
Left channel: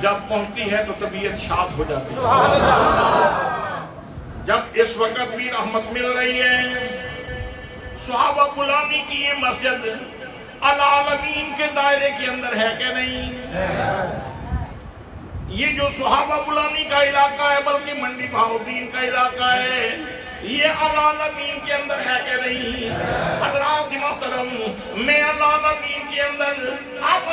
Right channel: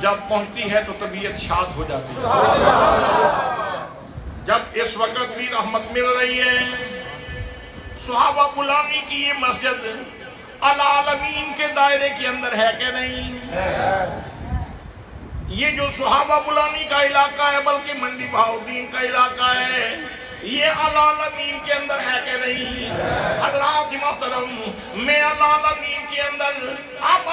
جب پہنچتی ہے تو طبیعت شاد ہو جاتی ہے. جب اس وقت بھی رحمت مل رہی ہے. صحابہ بلانی کی یہ مسجد العالمین کے دائرے کے اندر ہے کہ نہیں؟ یہ جو صحابہ بلانی کا علاقہ ہے بلکہ منڈی بہاؤدین کا علاقہ ہے، یہ العالمین کے اندر ہے کہ نہیں؟ حضرات محترم، میں العالمین کے اندر آپ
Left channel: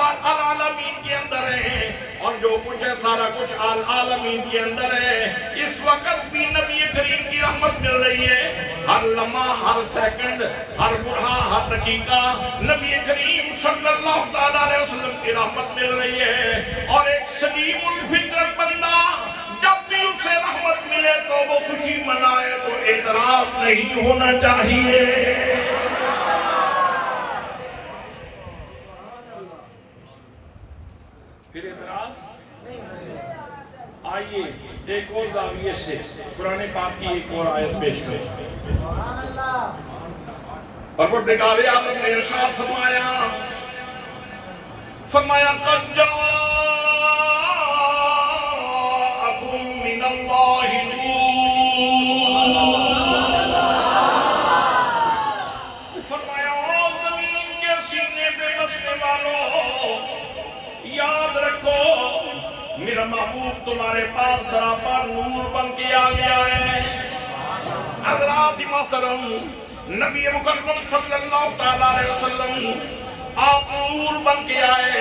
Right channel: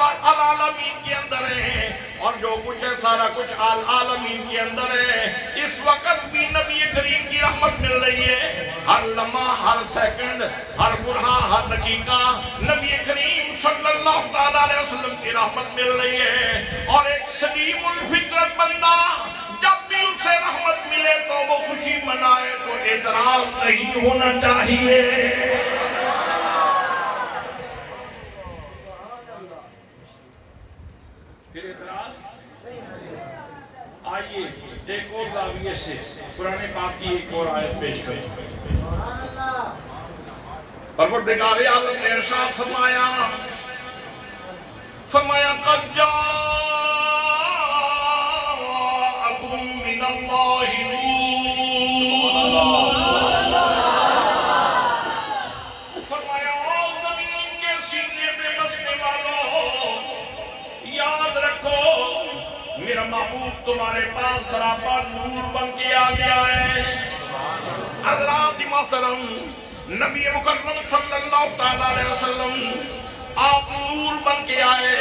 العالمین کے اندر ہیں، اور جو کچھ ہے سارا کچھ العالمین کے اندر ہے. اس وقت بھی نبی کریم کی رحمت مل رہی ہے. ہر لمحہ، ہر سیکنڈ، ہر برہا، ہر دقیقہ نبی کریم صلی اللہ علیہ وسلم کی رحمت مل رہی ہے. اور ایک سلیم الفطرت بندہ جب بھی اسے رحمت ملے تو وہ خوشی منائے، تو اعتراض نہیں ہونا چاہیے. پھر اعتراض آئیے ایک اور زاویے سے قرآن پاک کی ایک اور آیت پیش کریں. پروردگار عالم نے ارشاد فرمایا قد جاءکم من اللہ نور. فرمایا زمین کے سینے پہ بسنے والوں، یاد رکھو میرا محبوب تمہارے پاس سراپا نور بن کے آ گیا ہے. حضرات محترم، نبی مکرم صلی اللہ علیہ وسلم آپ نور بن کے آئے،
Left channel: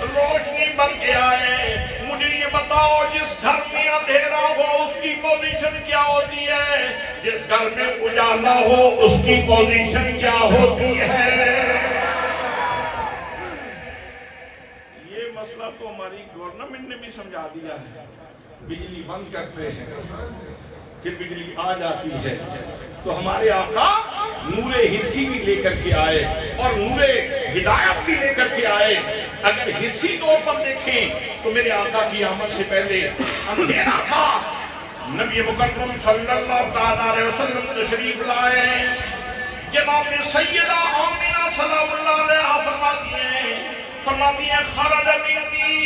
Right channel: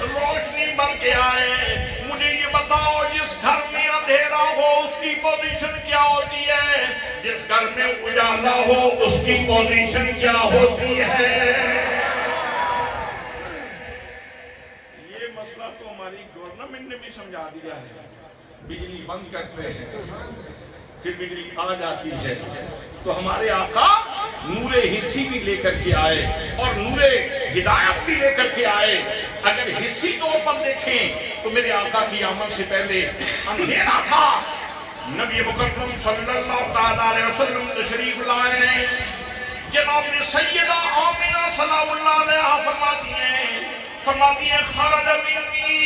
روشنی بن کے آئے. مجھے یہ بتاؤ جس گھر میں اندھیرا ہو اس کی پوزیشن کیا ہوتی ہے؟ جس گھر میں اجالا ہو اس کی پوزیشن کیا ہوتی ہے؟ مسئلہ تو ہماری گورنمنٹ نے بھی سمجھا دیا ہے. بجلی بند کرتے ہیں پھر بجلی آ جاتی ہے. تو ہمارے آقا نور حسی بھی لے کر کے آئے اور نور ہدایت بھی لے کر کے آئے. اگر حسی طور پر دیکھیں تو میرے آقا کی آمد سے پہلے اندھیرا تھا. نبی مکرم صلی اللہ علیہ وسلم تشریف لائے. جناب سیدہ آمینہ سلام اللہ علیہا فرماتی ہیں خرج منی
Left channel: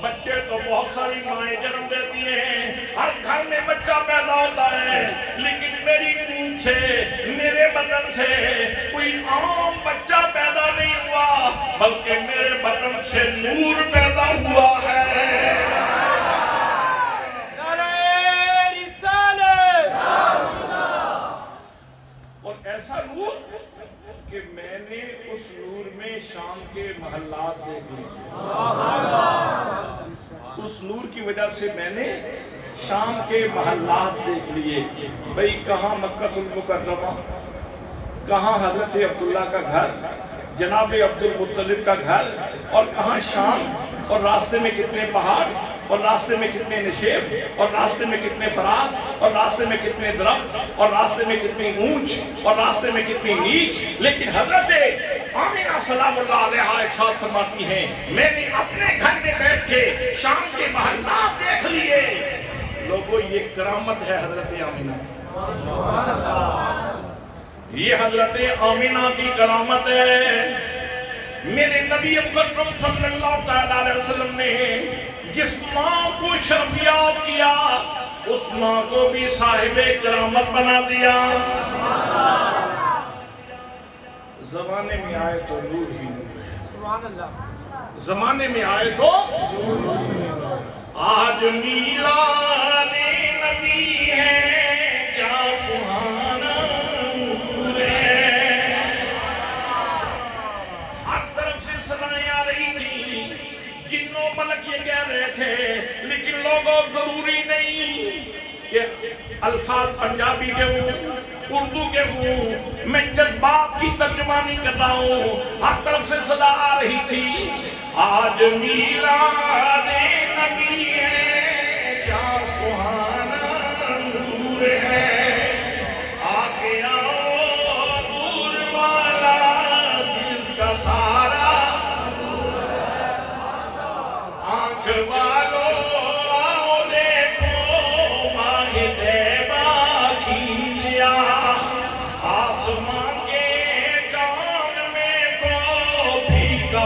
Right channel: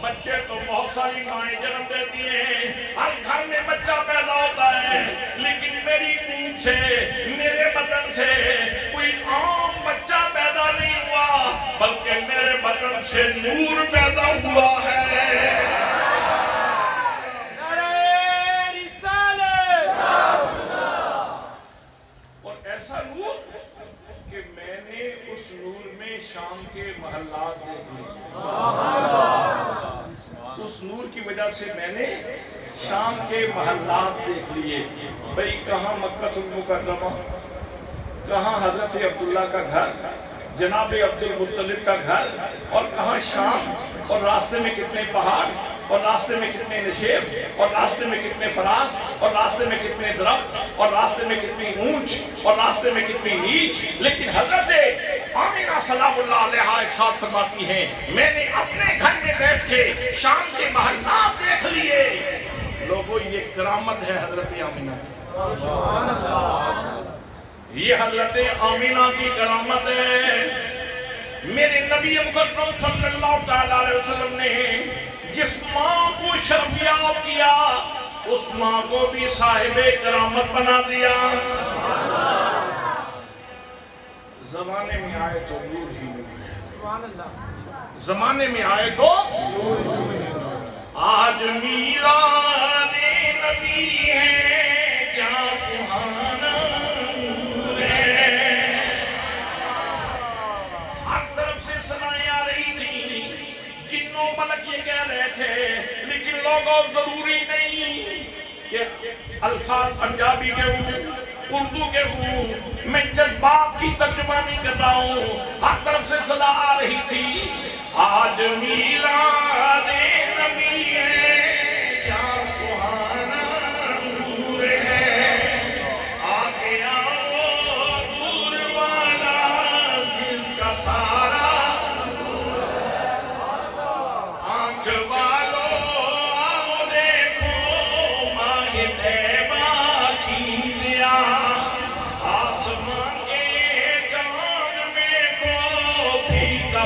بچے تو بہت ساری مائیں جنم دیتی ہیں، ہر گھر میں بچہ پیدا ہوتا ہے، لیکن میری منہ سے، میرے بدن سے کوئی عام بچہ پیدا نہیں ہوا، بلکہ میرے بدن سے نور پیدا ہوا ہے. ایسا نور کہ میں نے اس نور میں شام کے محلات دیکھ لیے. اس نور کی وجہ سے میں نے شام کے محلات دیکھ لیے. بھئی کہاں مکہ المکرمہ، کہاں حضرت عبداللہ کا گھر، جناب عبد المطلب کا گھر، اور کہاں شام، اور راستے میں کتنے پہاڑ، اور راستے میں کتنے نشیب، اور راستے میں کتنے فراز، اور راستے میں کتنے درخت، اور راستے میں کتنی اونچ، اور راستے میں کتنی نیچ. لیکن حضرت آمینہ سلام اللہ علیہا ارشاد فرماتی ہیں میں نے اپنے گھر میں بیٹھ کے شام کے محلات دیکھ لیے. لوگوں یہ کرامت ہے حضرت آمینہ کی، یہ حضرت آمینہ کی کرامت ہے. میرے نبی مکرم صلی اللہ علیہ وسلم نے جس ماں کو شرفیاب کیا اس ماں کو بھی صاحب کرامت بنا دیا. زمانے میں آئے تو نور ہی نور ہے، زمانے میں آئے تو آج میلاد نبی ہے کیا سہانا نور ہے. ہر طرف سے صدائیں آ رہی تھی، جنوں ملک یہ کہہ رہے تھے، لیکن لوگوں ضروری نہیں کہ الفاظ پنجابی کے ہوں، اردو کے ہوں، میں جذبات کی ترجمانی کر رہا ہوں. ہر طرف سے صدا آ رہی تھی آج میلاد نبی ہے کیا سہانا نور ہے. آگے آؤ نور والا جس کا سارا آنکھ والو آؤ دیکھو ماہ طیبہ کی لیا، آسمان کے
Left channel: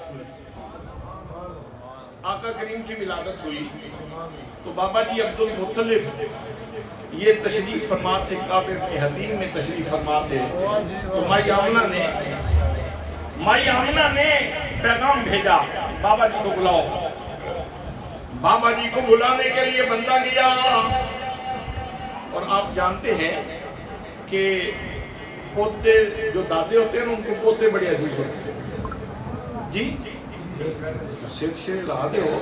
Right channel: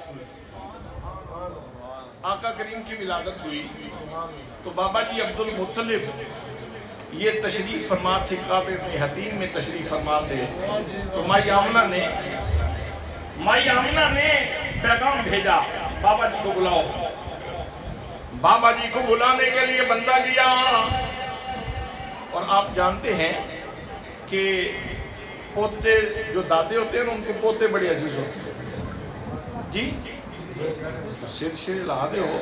ولادت ہوئی، آقا کریم کی ولادت ہوئی تو بابا جی عبد المطلب یہ تشریف فرما تھے، کعبہ ابن حتیم میں تشریف فرما تھے، تو مائی آمنہ نے پیغام بھیجا بابا جی کو بلاؤ۔ بابا جی کو بلانے کے لیے بندہ گیا، اور آپ جانتے ہیں کہ پوتے جو دادے ہوتے ہیں ان کو پوتے بڑے عزیز ہوتے ہیں جی، سر لا دے ہو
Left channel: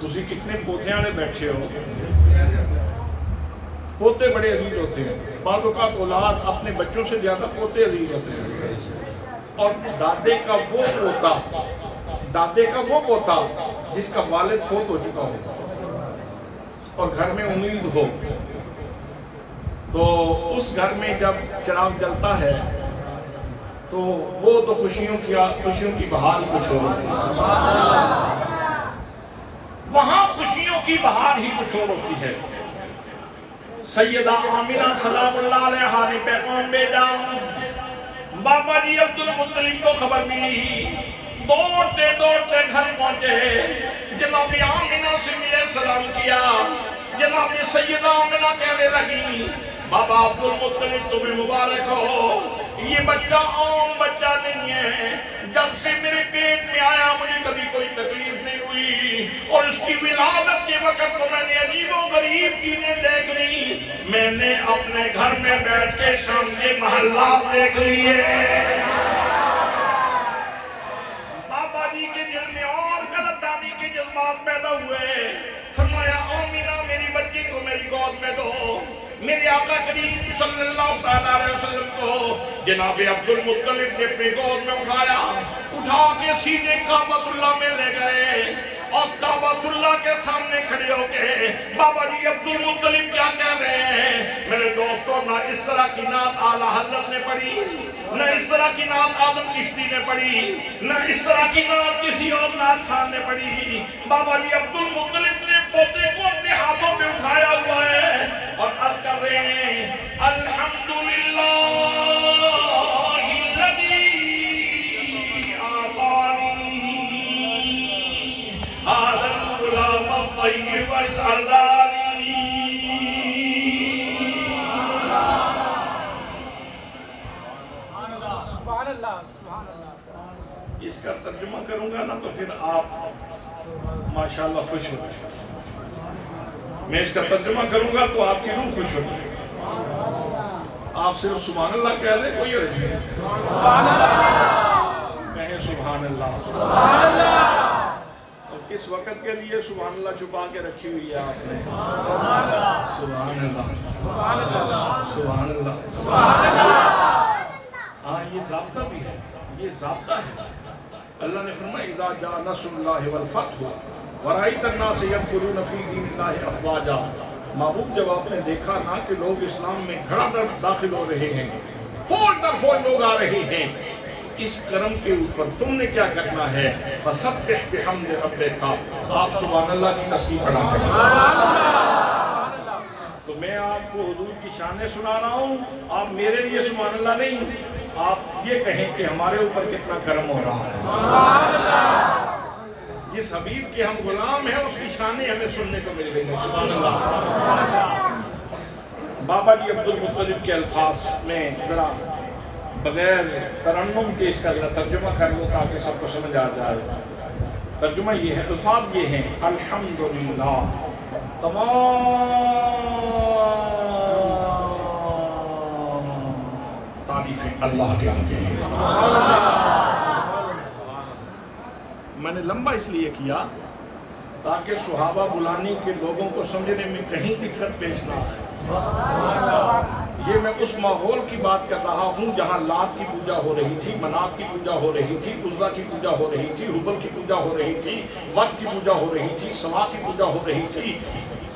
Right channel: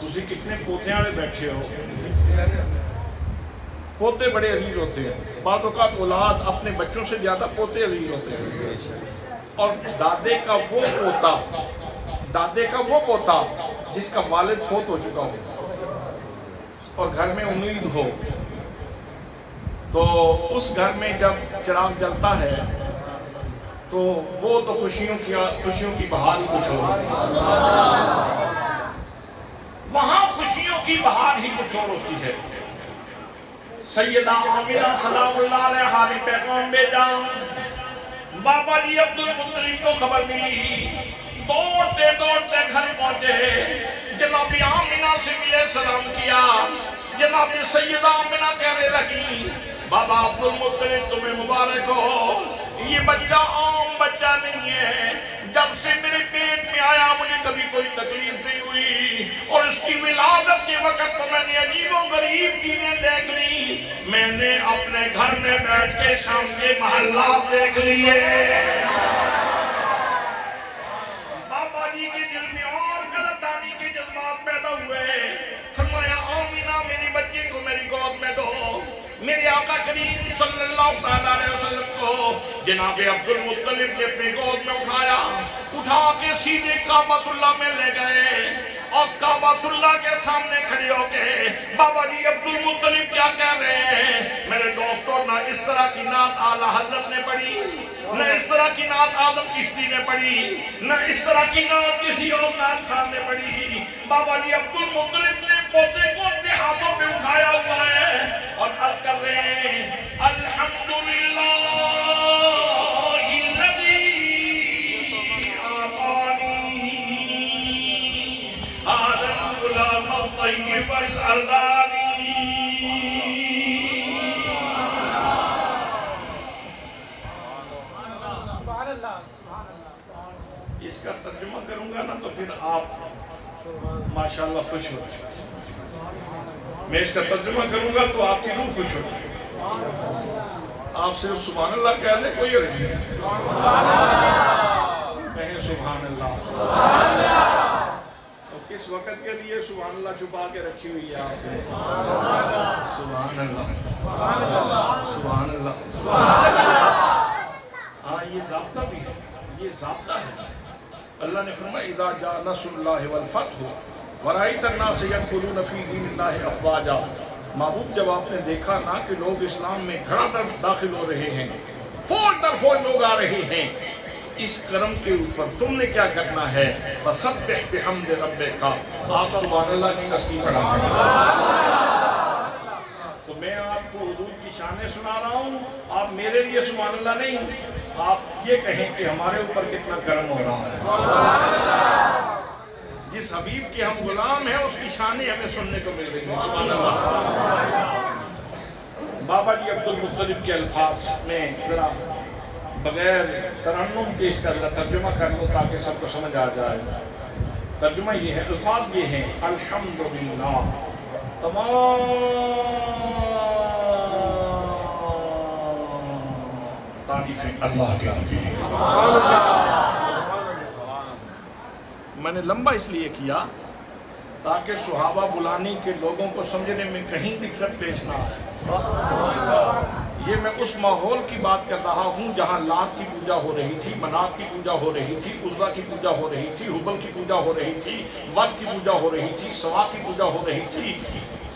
تسی کتنے پوتے والے بیٹھے ہو، پوتے بڑے عزیز ہوتے ہیں، بعض اوقات اولاد اپنے بچوں سے زیادہ پوتے عزیز ہوتے ہیں، اور دادے کا وہ پوتا جس کا والد فوت ہو چکا ہو اور گھر میں امید ہو، تو اس گھر میں جب چراغ جلتا ہے تو وہ تو خوشیوں کی بہار ہی کچھ اور ہوتی ہے، وہاں خوشیوں کی بہار ہی کچھ اور ہوتی ہے۔ سیدہ آمنہ سلام اللہ علیہا نے پیغام بھیجا، بابا جی عبد المطلب کو خبر ملی، دوڑتے گھر پہنچے، جناب آمنہ سے ملے، سلام کیا، جناب سیدہ آمنہ کہنے لگی بابا عبد المطلب تمہیں مبارک ہو، یہ بچہ عام بچہ نہیں ہے، جب سے میرے پیٹ میں آیا مجھے کبھی کوئی تکلیف نہیں ہوئی، اور اس کی ولادت کے وقت تو میں نے عجیب و غریب چیزیں دیکھ لی، میں نے اپنے گھر میں بیٹھ کے شام کے محلات دیکھ لیے۔ بابا جی کے دل میں اور قدردانی کے جذبات پیدا ہوئے، فرمایا آمینہ میری بچے کو میری گود میں دو۔ میرے آقا کریم صلی اللہ علیہ وسلم کو جناب عبد المطلب نے اپنے گود میں اٹھا کے سیدھے کعبۃ اللہ میں لے گئے، اور کعبۃ اللہ کے سامنے کھڑے ہو کے بابا جی عبد المطلب کیا کہہ رہے ہیں، میرے دوستوں نہ اس طرح کی نعت اعلیٰ حضرت نے پڑھی، نہ اس طرح کی نعت آدم چشتی نے پڑھی، نہ اس طرح کی نعت کسی اور نعت خان نے پڑھی۔ بابا جی عبد المطلب نے پوتے کو اپنے ہاتھوں پہ اٹھایا ہوا ہے اور عرض کر رہے ہیں الحمدللہ الذی آتانی هذا الغلام الطیب الارضانی۔ اس کا ترجمہ کروں گا نا تو پھر آپ ماشاءاللہ خوش ہوتے ہیں، میں اس کا ترجمہ کروں گا تو آپ کی روح خوش ہوتی ہے۔ آپ صرف سبحان اللہ کہہ دیں، کوئی عرض نہیں، کہیں سبحان اللہ۔ اور کس وقت کے لیے سبحان اللہ چھپا کے رکھی ہوئی ہے آپ نے؟ سبحان اللہ، سبحان اللہ۔ ہاں یہ ضابطہ بھی ہے، یہ ضابطہ ہے۔ اللہ نے فرمایا اذا جاء نصر اللہ والفتح ورأیت الناس يدخلون فی دین اللہ افواجا۔ محبوب جب آپ نے دیکھا نا کہ لوگ اسلام میں دھڑا دھڑ داخل ہو رہے ہیں، فوج در فوج لوگ آ رہے ہیں، اس کرم کے اوپر تم نے کیا کرنا ہے؟ فسبح بحمد ربک، آپ سبحان اللہ کی تسبیح پڑھا۔ تو میں آپ کو حضور کی شانیں سنا رہا ہوں، آپ میرے لیے سبحان اللہ نہیں، آپ یہ کہیں کہ ہمارے اوپر کتنا کرم ہو رہا ہے۔ جس حبیب کے ہم غلام ہیں اس کی شانیں ہمیں سننے کو مل رہی ہیں، سبحان اللہ۔ بابا جی عبد المطلب کے الفاظ میں ذرا بغیر ترنم کے اس کا ذرا ترجمہ کر لو تاکہ سب کو سمجھ آ جائے۔ ترجمہ یہ ہے، الفاظ یہ ہیں الحمدللہ، تمام تعریفیں اللہ کے لیے۔ میں نے لمبا اس لیے کیا تاکہ صحابہ بلانی کے لوگوں کو سمجھنے میں کہیں دقت پیش نہ آئے۔ یہ میں اس ماحول کی بات کر رہا ہوں جہاں لات کی پوجا ہو رہی تھی، منات کی پوجا ہو رہی تھی، عزا کی پوجا ہو رہی تھی، حبل کی پوجا ہو رہی تھی، ود کی پوجا ہو رہی تھی، سوا کی پوجا ہو رہی تھی،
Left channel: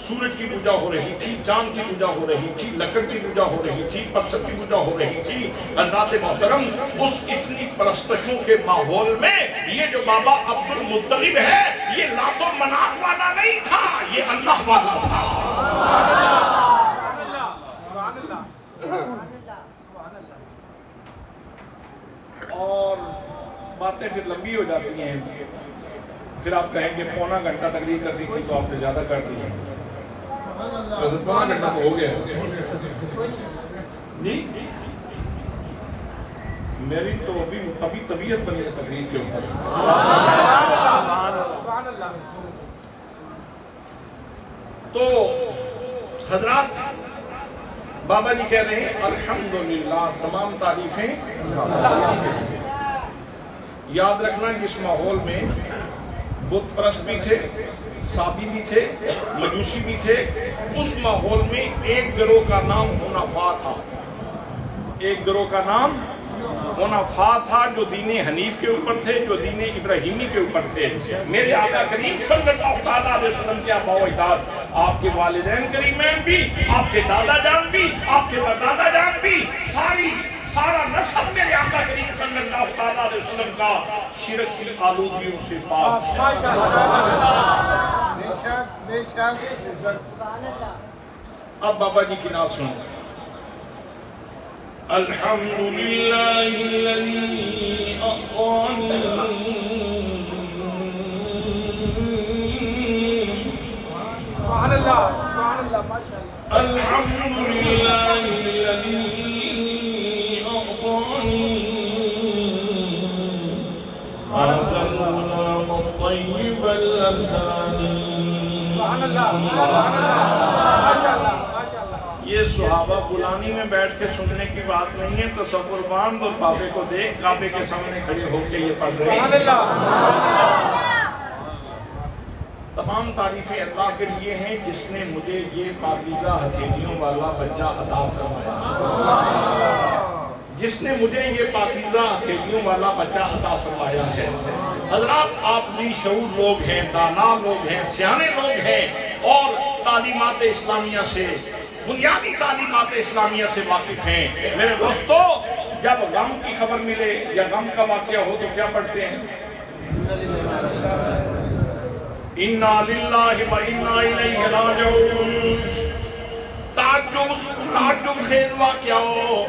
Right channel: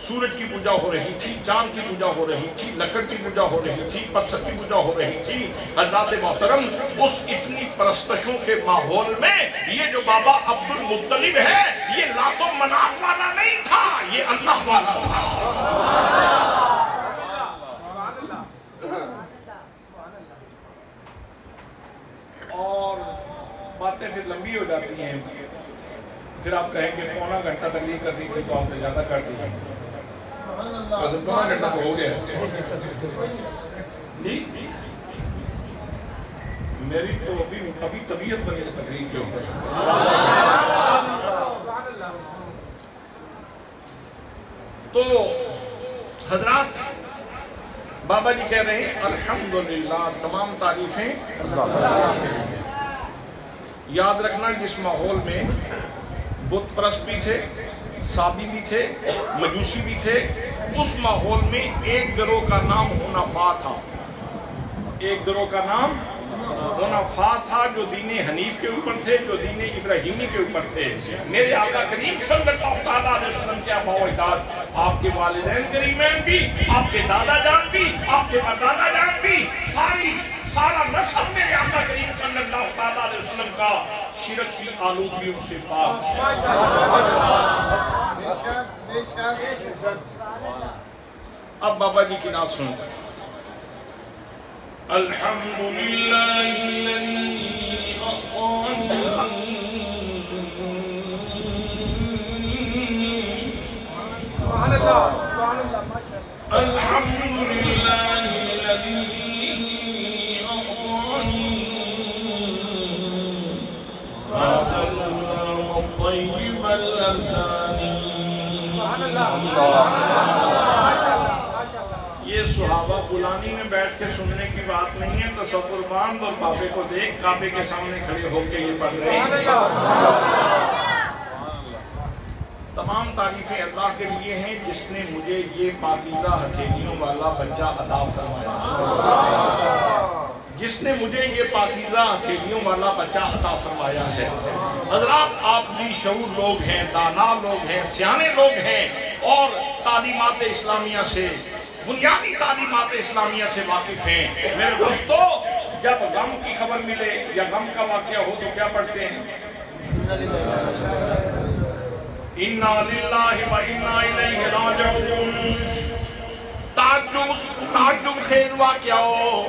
سورج کی پوجا ہو رہی تھی، چاند کی پوجا ہو رہی تھی، لکڑ کی پوجا ہو رہی تھی، پتھر کی پوجا ہو رہی تھی۔ حضرات محترم، اس اتنی پرستشوں کے ماحول میں یہ جو بابا عبد المطلب ہے یہ لات و منات والا نہیں تھا، یہ اللہ والا تھا۔ اور باتیں باتیں پھر لمبی ہو جاتی ہیں، پھر آپ کہیں گے پونا گھنٹہ تقریر کرنی تھی تو آپ نے زیادہ کر دی ہے، پونا گھنٹہ تو ہو گیا جی۔ میری تو ابھی طبیعت بنی ہے تقریر کے اوپر۔ تو حضرات بابا جی کہہ رہے ہیں الحمدللہ، تمام تعریفیں اللہ کے لیے۔ یاد رکھنا جس ماحول میں بت پرست بھی تھے، صابی بھی تھے، مجوسی بھی تھے، اس ماحول میں ایک گروہ کا نام حنفاء تھا، ایک گروہ کا نام حنفاء تھا، جو دین حنیف کے اوپر تھے، جو دین ابراہیمی کے اوپر تھے۔ میرے آقا کریم صلی اللہ علیہ وسلم کے آباء و اجداد، آپ کے والدین کریمین بھی، آپ کے دادا جان بھی، آپ کے پردادا جان بھی، سارا نسب میرے آقا کریم صلی اللہ علیہ وسلم کا شرک کی آلودگیوں سے پاک۔ اب بابا جی کی نعت سنیں۔ الحمدللہ الذی اعطانی الحمدللہ الذی اعطانی هذا الغلام الطیب اللذانی۔ یہ صحابہ بلانی میں بیٹھ کے سننے کی بات نہیں ہے، تصور باندھ اور کعبے کو دیکھ، کعبے کے سامنے کھڑے ہو کے یہ پڑھ رہے ہیں۔ تمام تعریفیں اللہ کے لیے ہیں جس نے مجھے یہ پاکیزہ ہتھیلیوں والا بچہ عطا فرمایا، جس نے مجھے یہ پاکیزہ ہتھیلیوں والا بچہ عطا فرمایا ہے۔ حضرات آپ بھی شعور لوگ ہیں، دانا لوگ ہیں، سیانے لوگ ہیں، اور تعلیمات اسلامیہ سے، بنیادی تعلیمات اسلامیہ سے واقف ہیں۔ میرے دوستو، جب غم کی خبر ملے یا غم کا واقعہ ہو تو کیا پڑھتے ہیں؟ اِنَّا لِلَّهِ وَإِنَّا إِلَيْهِ رَاجِعُونَ۔ تعجب خیز واقعہ ہو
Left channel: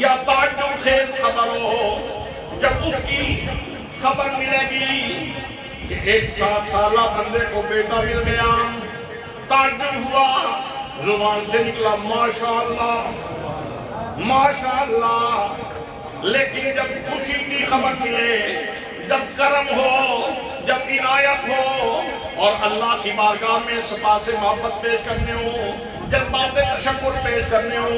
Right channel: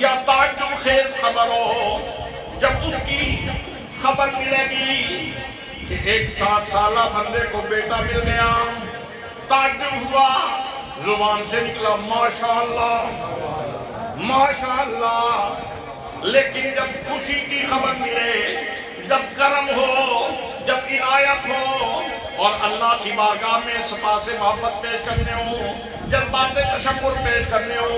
یا تعجب خیز خبر ہو، جب اس کی خبر ملے گی کہ ایک 7 سالہ بندے کو بیٹا مل گیا، تعجب ہوا، زبان سے نکلا ماشاءاللہ ماشاءاللہ، لیکن جب خوشی کی خبر ملے، جب کرم ہو، جب عنایت ہو، اور اللہ کی بارگاہ میں صفا سے محبت پیش کرنے ہو، جذبات تشکر پیش کرنے ہو،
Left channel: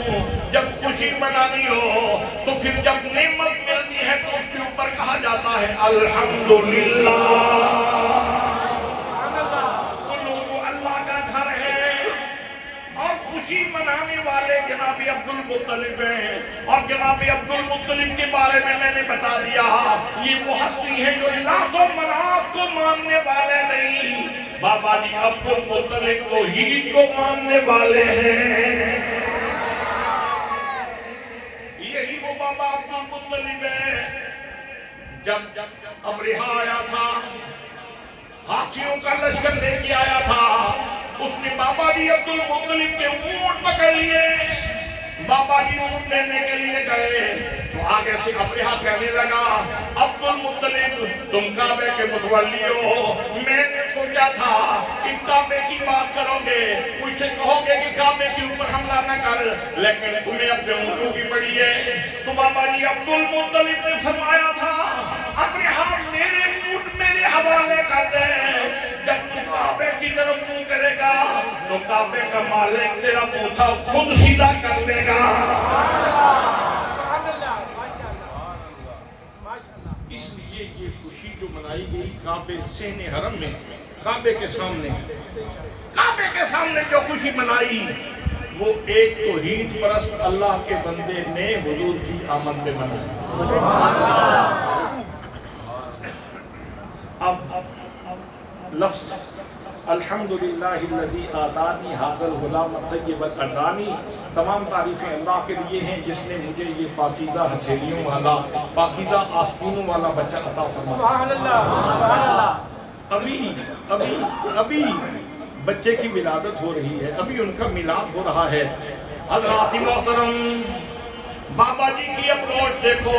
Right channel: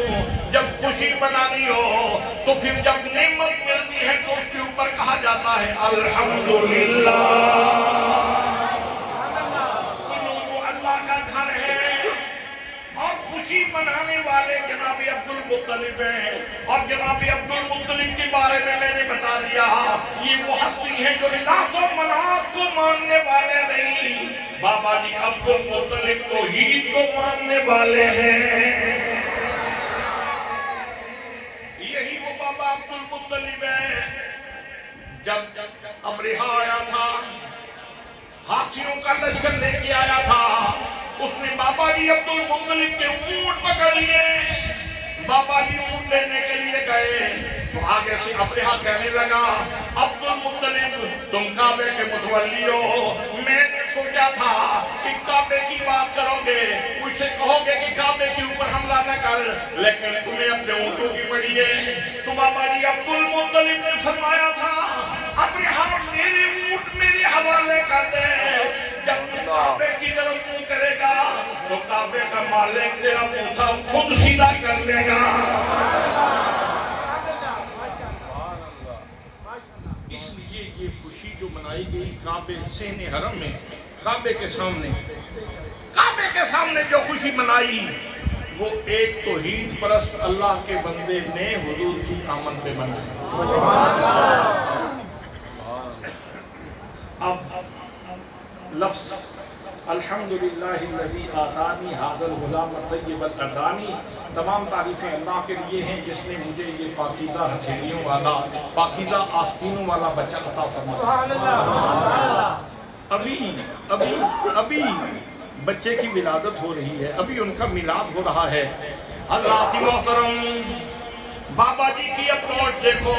جب خوشی منانی ہو، تو پھر جب نعمت ملتی ہے تو اس کے اوپر کہا جاتا ہے الحمدللہ۔ تو لوگوں اللہ کا گھر ہے، اور خوشی منانے والے جناب عبد المطلب ہیں، اور جناب عبد المطلب کے بارے میں نے بتا دیا، یہ وہ ہستی ہے جو لات و منات کو ماننے والے نہیں، بابا جی عبد المطلب توحید کو ماننے والے ہیں۔ یہی وہ بابا عبد المطلب ہے۔ جب ابرہہ آیا تھا، ہاتھیوں کا لشکر لے کے آیا تھا، اس نے بابا جی عبد المطلب کے اونٹ پکڑ لیے، بابا جی اونٹ لینے کے لیے گئے تو آگے سے ابرہہ کہنے لگا عبد المطلب تم کعبے کے متولی ہو، میں نے سوچا تھا کہ کعبے کی بات کرو گے، اس سے کہو گے کہ کعبے کے اوپر حملہ نہ کر، لیکن تمہیں اپنے اونٹوں کی پڑی ہے۔ تو بابا جی عبد المطلب نے فرمایا تھا ابرہہ میرے اونٹ میرے حوالے کر دے، جب تو کعبے کی طرف منہ کرے گا تو کعبے کا مالک تیرا بوتھا خود سیدھا کر دے گا۔ اس لیے یہ خوشی جو منائی گئی کعبے صحن حرم میں، کعبے کے سامنے جو خوشی منائی، وہ ایک توحید پرست اللہ کے بندے نے حضور کی آمد پہ منائی۔ اب لفظ الحمدللہ الذی آتانی ھذا الغلام الطیب الأردانی، تمام تعریفیں اللہ کے لیے ہیں جس نے مجھے یہ پاکیزہ ہتھیلیوں والا، پاکیزہ آستینوں والا بچہ عطا فرمایا۔ ابھی بچے کی ولادت ہو رہی ہے، ابھی ان کا میلاد ہو رہا ہے۔ حضرات محترم، بابا جی کی اپروچ دیکھو،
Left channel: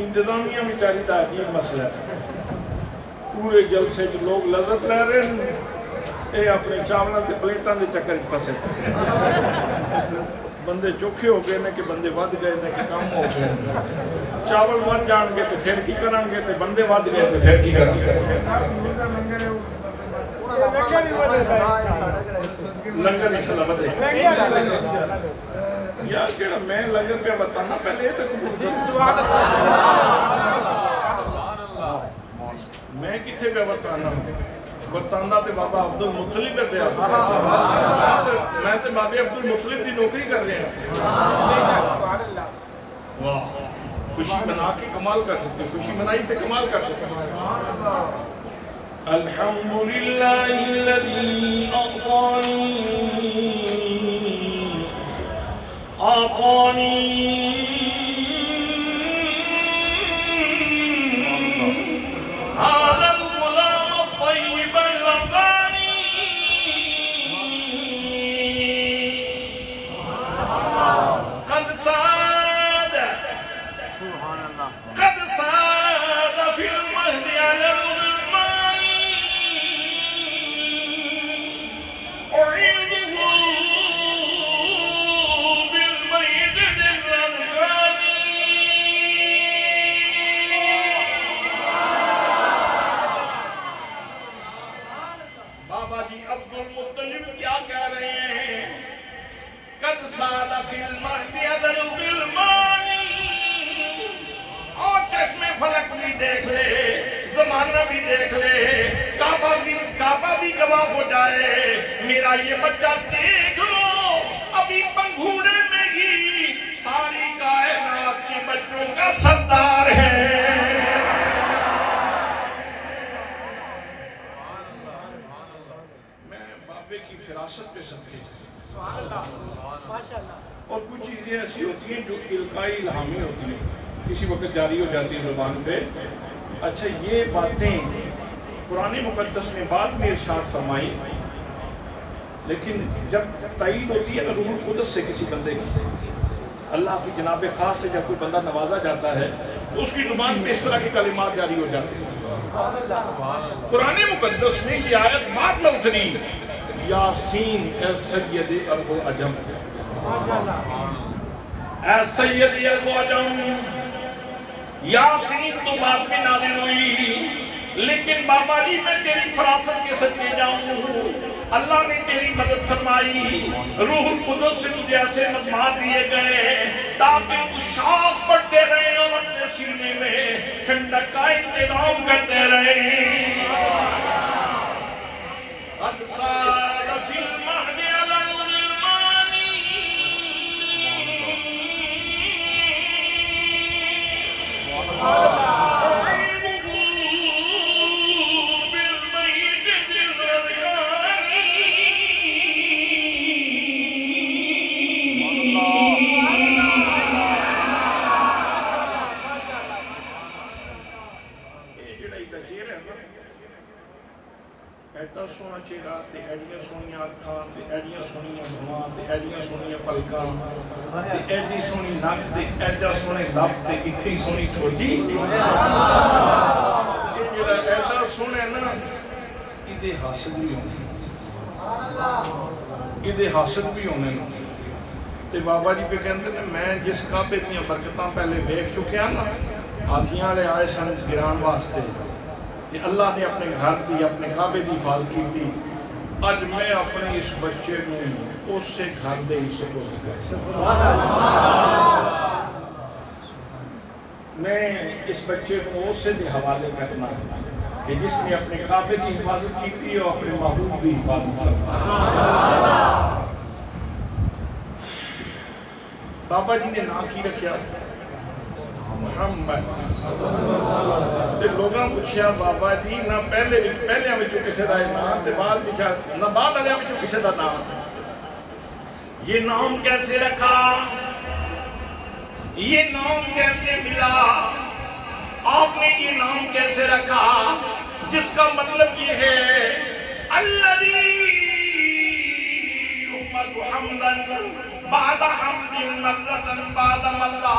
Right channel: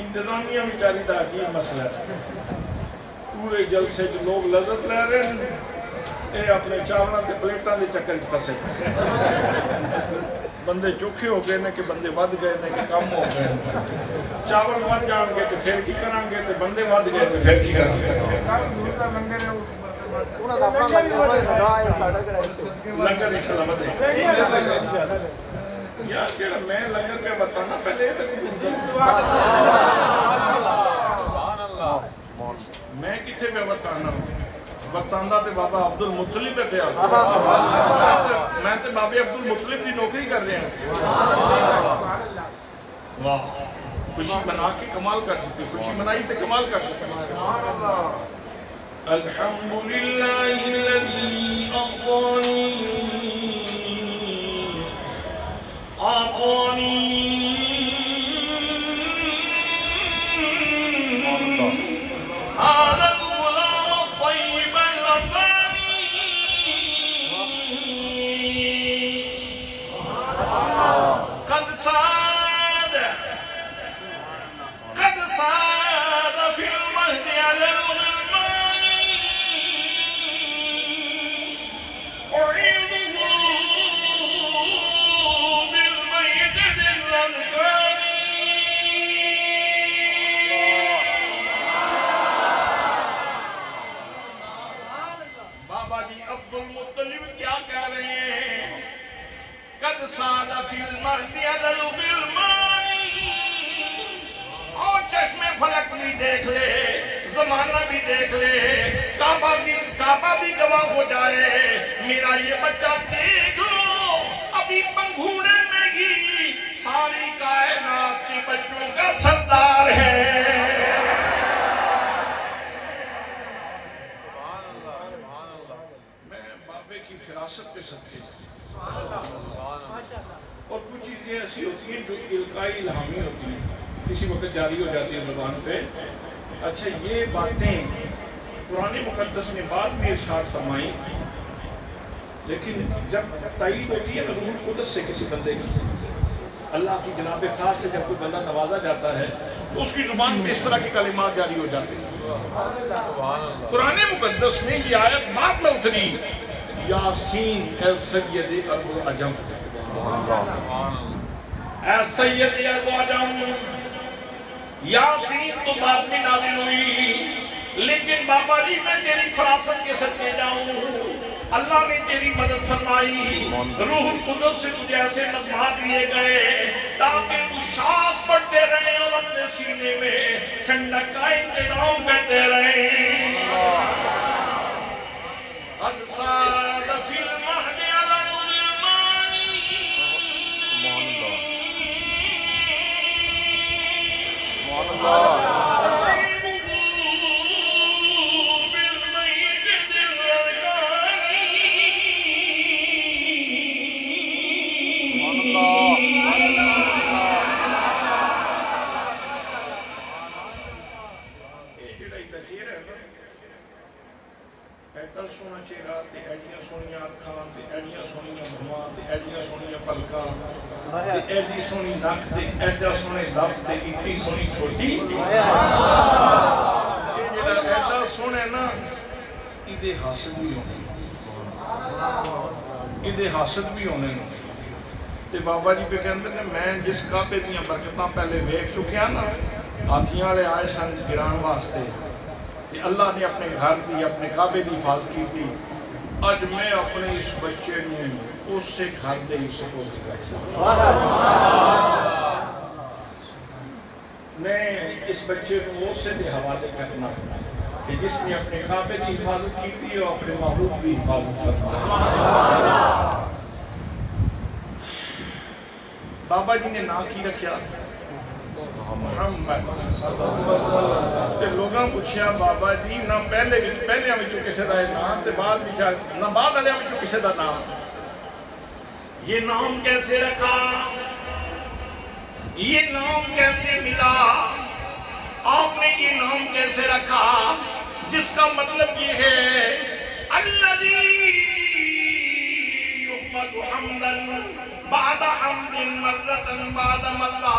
انتظامیہ بیچاری دا عجیب مسئلہ ہے، پورے جلسے جو لوگ لذت لے رہے ہیں، اے اپنے چاولاں تے پلیٹاں دے چکر پھسے بندے چوکھے ہو گئے نے کہ بندے ود گئے نے کہ کم ہو گئے، چاول ود جان گے تے پھر کی کران گے تے بندے ود گئے تے پھر کی کران گے۔ لنگر انشاءاللہ بدے یار جڑا میں لنگر پہ بتانا پہلے یہ تو قبول کر، میں کتنے پہ بتانا بتانا تے بابا عبد المطلب پہ آتا، میں تے بابے عبد المطلب دی نوکری کر رہے ہیں۔ واہ، خوشی منا کے کمال کر دیتی، خوشی منائی تے کمال کر دیتی۔ الحمدللہ الذی اعطانی هذا الغلام الطيب الرباني قد ساد في المهد على الغلمان أعيده بالبيت بالأركان۔ بابا جی عبد المطلب کیا کہہ رہے ہیں؟ قد ساد فی المہد علی الغلمان، اور چشم فلک بھی دیکھ لے، زمانہ بھی دیکھ لے، کعبہ بھی گواہ ہو جائے، میرا یہ بچہ دیکھ لو ابھی پنگھوڑے میں ہی ساری کائنات کے بچوں کا سردار ہے۔ میں بابے کی فراست پہ صدقے جاتا اور کچھ چیزیں ایسی ہوتی ہیں جو القائی الہامی ہوتی ہیں، کسی وقت جاری ہو جاتی ہے زبان پہ۔ اچھا یہ باتیں قرآن مقدس نے بعد میں ارشاد فرمائی، لیکن جب تائید ہوتی ہے نا روح القدس سے کسی بندے کی، اللہ کی جناب خاص سے جب کوئی بندہ نوازا جاتا ہے تو اس کی زبان پہ اس طرح کے کلمات جاری ہو جاتے ہیں۔ قرآن مقدس میں یہ آیت بعد میں اتری، یاسین اے سید عرب و عجم، اے سید عرب و عجم، یاسین تو بعد میں نازل ہوئی، لیکن بابا جی میں تیری فراست کے صدقے جاؤں، اللہ نے تیری مدد فرمائی، روح القدس سے تجھے ایسے نظمات دیے گئے تاکہ تو شاخ پڑھتے رہے اور اپنے سینے میں ٹھنڈک کا انتظام کرتے رہے۔ قد ساد فی المہد علی الغلمان أعيده بالبيت بالأركان۔ یہ جڑا ایدہ چہرہ ہے نا، ایڈا سونا چہرہ تے ایڈیاں سونیاں اکھاں تے ایڈیاں سونیاں بھواں تے ایڈیاں سونیاں پلکاں تے ایڈی سونی نک تے ایڈا سونے لب تے اتنی سونی ٹھوڈی، یہ جڑا ایڈا سونا ہے نا، ایدے حاسد بھی ہونے، ایدے حاسد بھی ہونے۔ تے بابا جی پہ کہندے نے میں جس کعبے دیاں برکتاں پہلے ویکھ چکیا نا، ہاتھیاں لے آئے سن گران واسطے، کہ اللہ نے اپنے گھر دی اپنے کعبے دی حفاظت کی تھی، اج میں اپنے اس بچے نے اس سے گھر دے ہی سپورٹ کرتا، میں اس بچے کو اس سے دے حوالے کرنا کہ جس نے اپنے کعبے دی حفاظت کی تھی اور اپنے محبوب دی حفاظت کرنا۔ بابا جی نے نام کی رکھیا محمد، تے لوگاں پوچھیا بابا جی نہ پہلے ہمیں جو کسے دا نام تے بعد والے ہمیں جو کسے دا نام، یہ نام کیسے رکھا، یہ نام کیسے ملا، آپ نے یہ نام کیسے رکھا، جس کا مطلب یہ ہے الذی یحمد حمدا بعد حمد مرۃ بعد مرہ،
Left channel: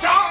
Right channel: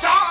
4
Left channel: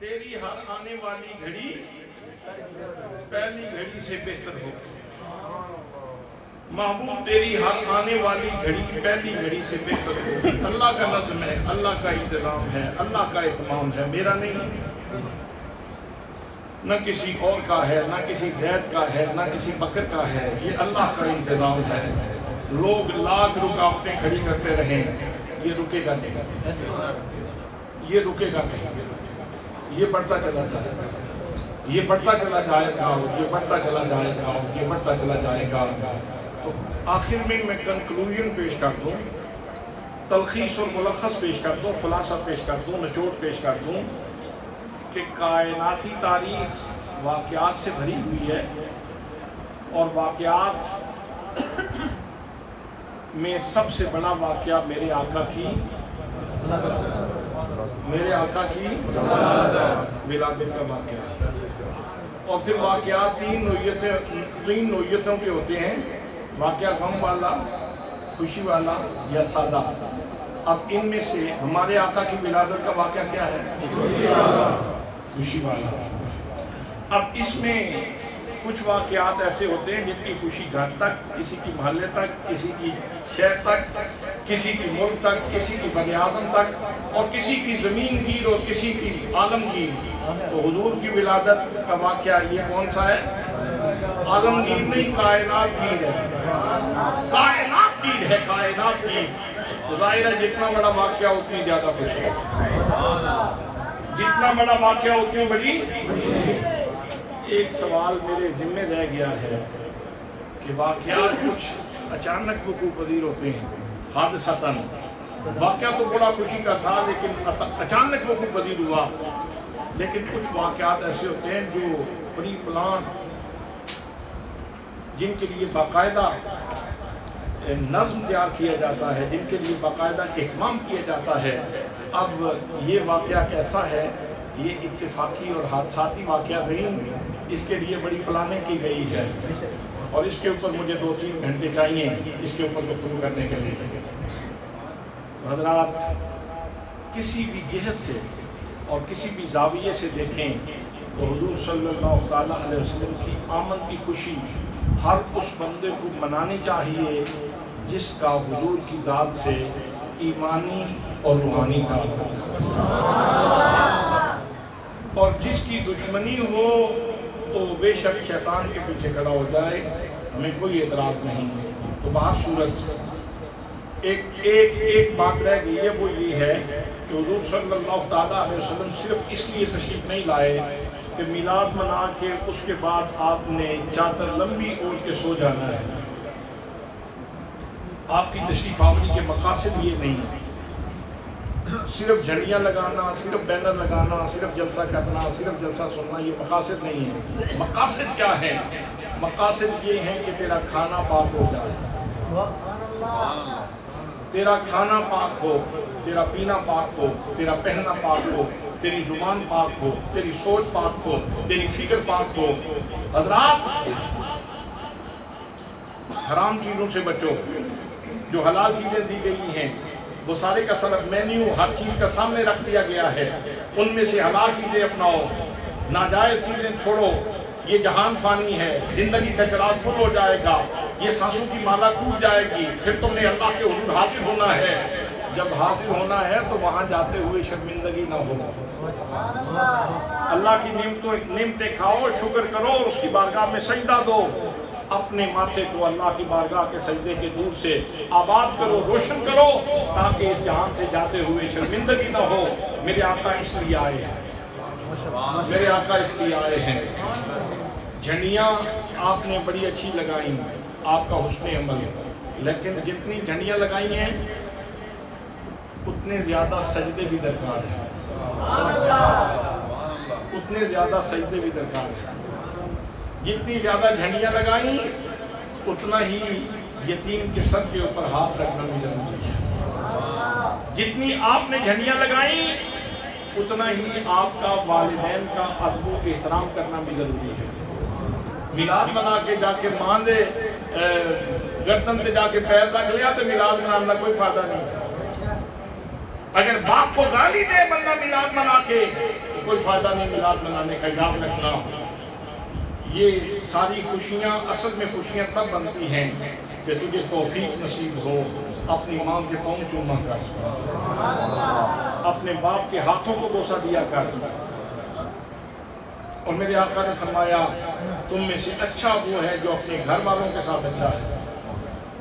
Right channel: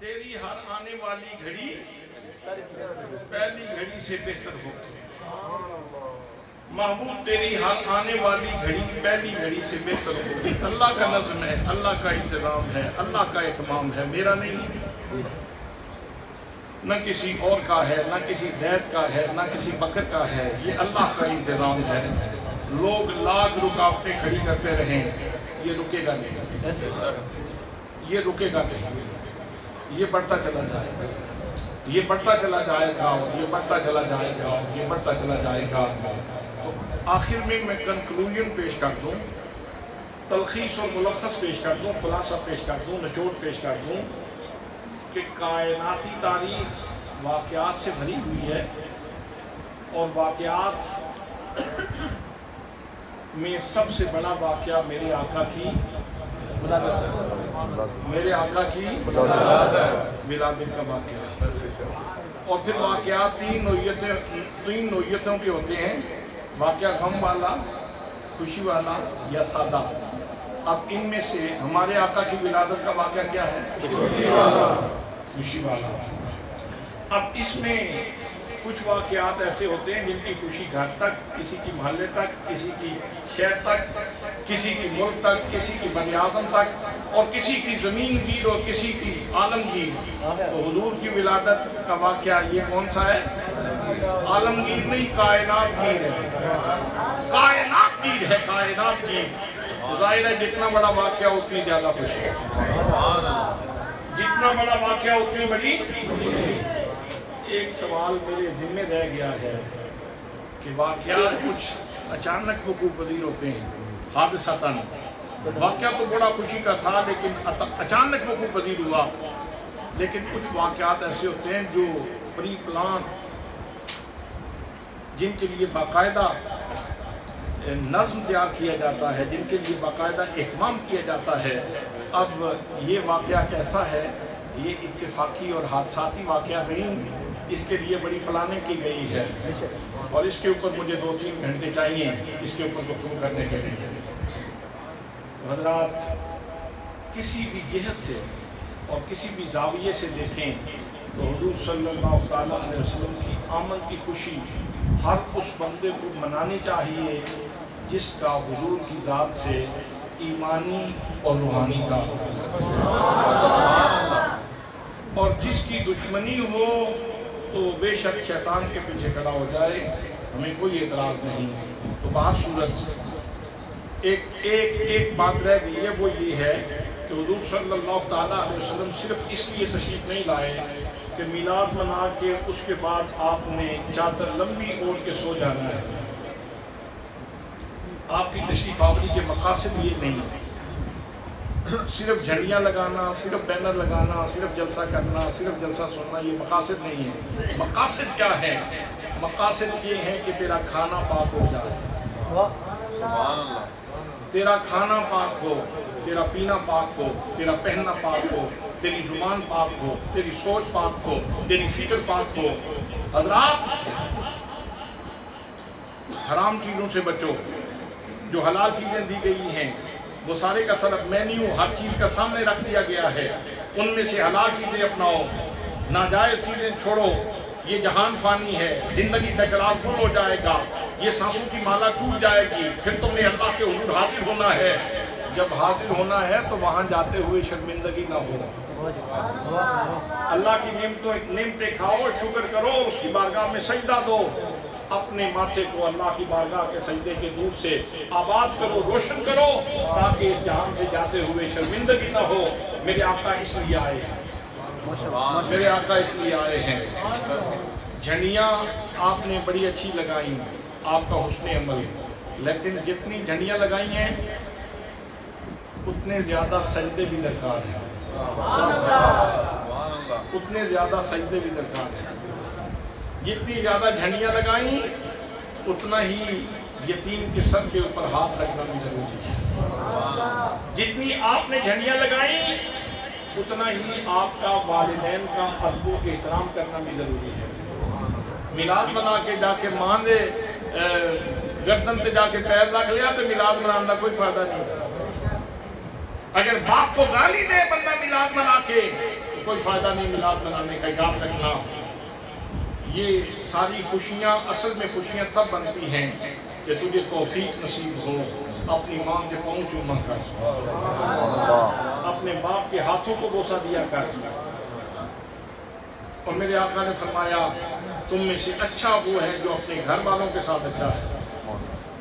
تیری ہر آنے والی گھڑی پہلی گھڑی سے بہتر ہو. محبوب تیری ہر آنے والی گھڑی پہلی گھڑی سے بہتر ہو. اللہ کا نظم ہے، اللہ کا انتظام ہے، اللہ کا اہتمام ہے، میرا نہیں ہے، نہ کسی اور کا ہے، نہ کسی زید کا ہے، نہ کسی بکر کا ہے. یہ اللہ کا انتظام ہے. لوگ لاکھ رکاوٹیں کھڑی کرتے رہیں، یہ رکے گا نہیں، یہ رکے گا نہیں. یہ بڑھتا چلا جائے گا، یہ بڑھتا چلا جائے گا، اور یہ بڑھتا چلا جائے گا، اور یہ بڑھتا چلا جائے گا. تو آخر میں کنکلوژن پیش کر دوں، تلخیص اور ملخص پیش کر دوں، خلاصہ پیش کر دوں، نچوڑ پیش کر دوں کہ کائناتی تاریخ واقعات سے بھری ہوئی ہے، اور واقعات میں سب سے بڑا واقعہ میرے آقا کی ولادت کا واقعہ ہے. اور پھر واقعات تین نوعیتوں کے ہوتے ہیں، واقعہ غم والا، خوشی والا یا سادہ. اب ان میں سے ہمارے آقا کی ولادت کا واقعہ کیا ہے؟ خوشی والا. اب اس میں کچھ واقعات ایسے ہوتے ہیں جن کی خوشی گھر تک، کسی کی محلے تک، کسی کی شہر تک، کسی کی ملک تک، کسی کی بر اعظم تک، اور کسی کی زمین گیر اور کسی کی عالمگیر. تو حضور کی ولادت کا واقعہ یہ کون سا ہے؟ عالمگیر نہیں، کائنات گیر ہے. کائنات گیر ہے، کائنات گیر. تو ظاہر ہے جتنا بڑا واقعہ اتنی زیادہ خوشی، جتنا بڑا واقعہ اتنی بڑی. ایک سوال میرے ذمہ رہ گیا ہے کہ واقعات کچھ اچانک وقوع پذیر ہوتے ہیں، حادثتاً. واقعہ تو بڑا خوشی کا تھا لیکن اچانک وقوع پذیر ہوا. لیکن کچھ واقعات ایسے ہوتے ہیں جو پری پلان، جن کے لیے باقاعدہ نظم تیار کیا جاتا ہے، جن کے لیے باقاعدہ اہتمام کیا جاتا ہے. اب یہ واقعہ کیسا ہے؟ یہ اتفاقی اور حادثاتی واقعہ نہیں، اس کے لیے بڑی پلاننگ کی گئی ہے، اور اس کے اوپر مجھے 2-3 گھنٹے چاہیے اس کے اوپر گفتگو کرنے کے لیے. حضرات کسی بھی جہت سے اور کسی بھی زاویے سے دیکھیں تو حضور صلی اللہ تعالیٰ علیہ وسلم کی آمد کی خوشی ہر اس بندے کو منانی چاہیے جس کا حضور کی ذات سے ایمانی اور روحانی تعلق، اور جس کی دشمنی ہو تو بے شک شیطان کے پیچھے کھڑا ہو جائے، ہمیں کوئی اعتراض نہیں. تو بہر صورت ایک بات رہ گئی ہے، وہ یہ ہے کہ حضور صلی اللہ تعالیٰ علیہ وسلم صرف اس لیے تشریف نہیں لائے کہ میلاد منا کے اس کے بعد آپ نے چادر لمبی اوڑھ کے سو جانا ہے. آپ کی تشریف آوری کے مقاصد یہ نہیں ہے. صرف جھنڈیاں لگانا، صرف بینر لگانا، صرف جلسہ کرنا، صرف جلسہ سننا، یہ مقاصد نہیں ہے. مقاصد کیا ہے؟ مقاصد یہ ہے کہ تیرا کھانا پاک ہو جائے، تیرا کھانا پاک ہو، تیرا پینا پاک ہو، تیرا پہننا پاک ہو، تیری زبان پاک ہو، تیری سوچ پاک ہو، تیری فکر پاک ہو. حضرات حرام چیزوں سے بچو. جو حلال چیزیں دی گئی ہیں وہ سارے کا سارا مینیو ہر چیز کا سامنے رکھ دیا گیا ہے، ان میں سے حلال چیزیں اپناؤ، ناجائز چیزیں چھوڑو. یہ جہان فانی ہے، زندگی کا چراغ گل ہو جائے گا، یہ سانسوں کی مالا ٹوٹ جائے گی، پھر تم نے اللہ کے حضور حاضر ہونا ہے. جب حاضر ہونا ہے تو وہاں جاتے ہوئے شرمندگی نہ ہو. اللہ کی نعمتیں کھاؤ، شکر کرو اور اس کی بارگاہ میں سجدہ دو. اپنے ماتھے کو اللہ کی بارگاہ کے سجدے کے دور سے آباد کرو، روشن کرو، تاکہ اس جہان سے جاتے ہوئے شرمندگی نہ ہو. میرے آقا اس لیے آئے ہیں، میرے آقا اس لیے آئے ہیں. جھنڈیاں آپ نے بڑی اچھی لگائیں، آپ کا حسن عمل، لیکن جتنی جھنڈیاں لگائی ہیں اتنے زیادہ سجدے بھی درکار ہیں، اتنے زیادہ سجدے بھی درکار ہیں. جتنی زیادہ جھنڈیاں لگائیں اتنا ہی یتیم کے سر کے اوپر ہاتھ رکھنا بھی ضروری ہے. جتنی آپ نے جھنڈیاں لگائیں اتنا ہی آپ کا والدین کا ادب و احترام کرنا بھی ضروری ہے. میلاد منا کے جا کے ماں دے گردن تے جا کے پیر رکھ لیا تو میلاد منانے کا کوئی فائدہ نہیں. اگر باپ کو گالی دے بندہ میلاد منا کے کوئی فائدہ نہیں میلاد منانے کا، یاد رکھنا یہ ساری خوشیاں اصل میں خوشیاں تب بنتی ہیں کہ تجھے توفیق نصیب ہو اپنی ماں کے پاؤں چوما کر، اپنے باپ کے ہاتھوں کو بوسہ دیا کر۔ اور میرے آقا نے فرمایا تم میں سے اچھا وہ ہے جو اپنے گھر والوں کے ساتھ اچھا ہے۔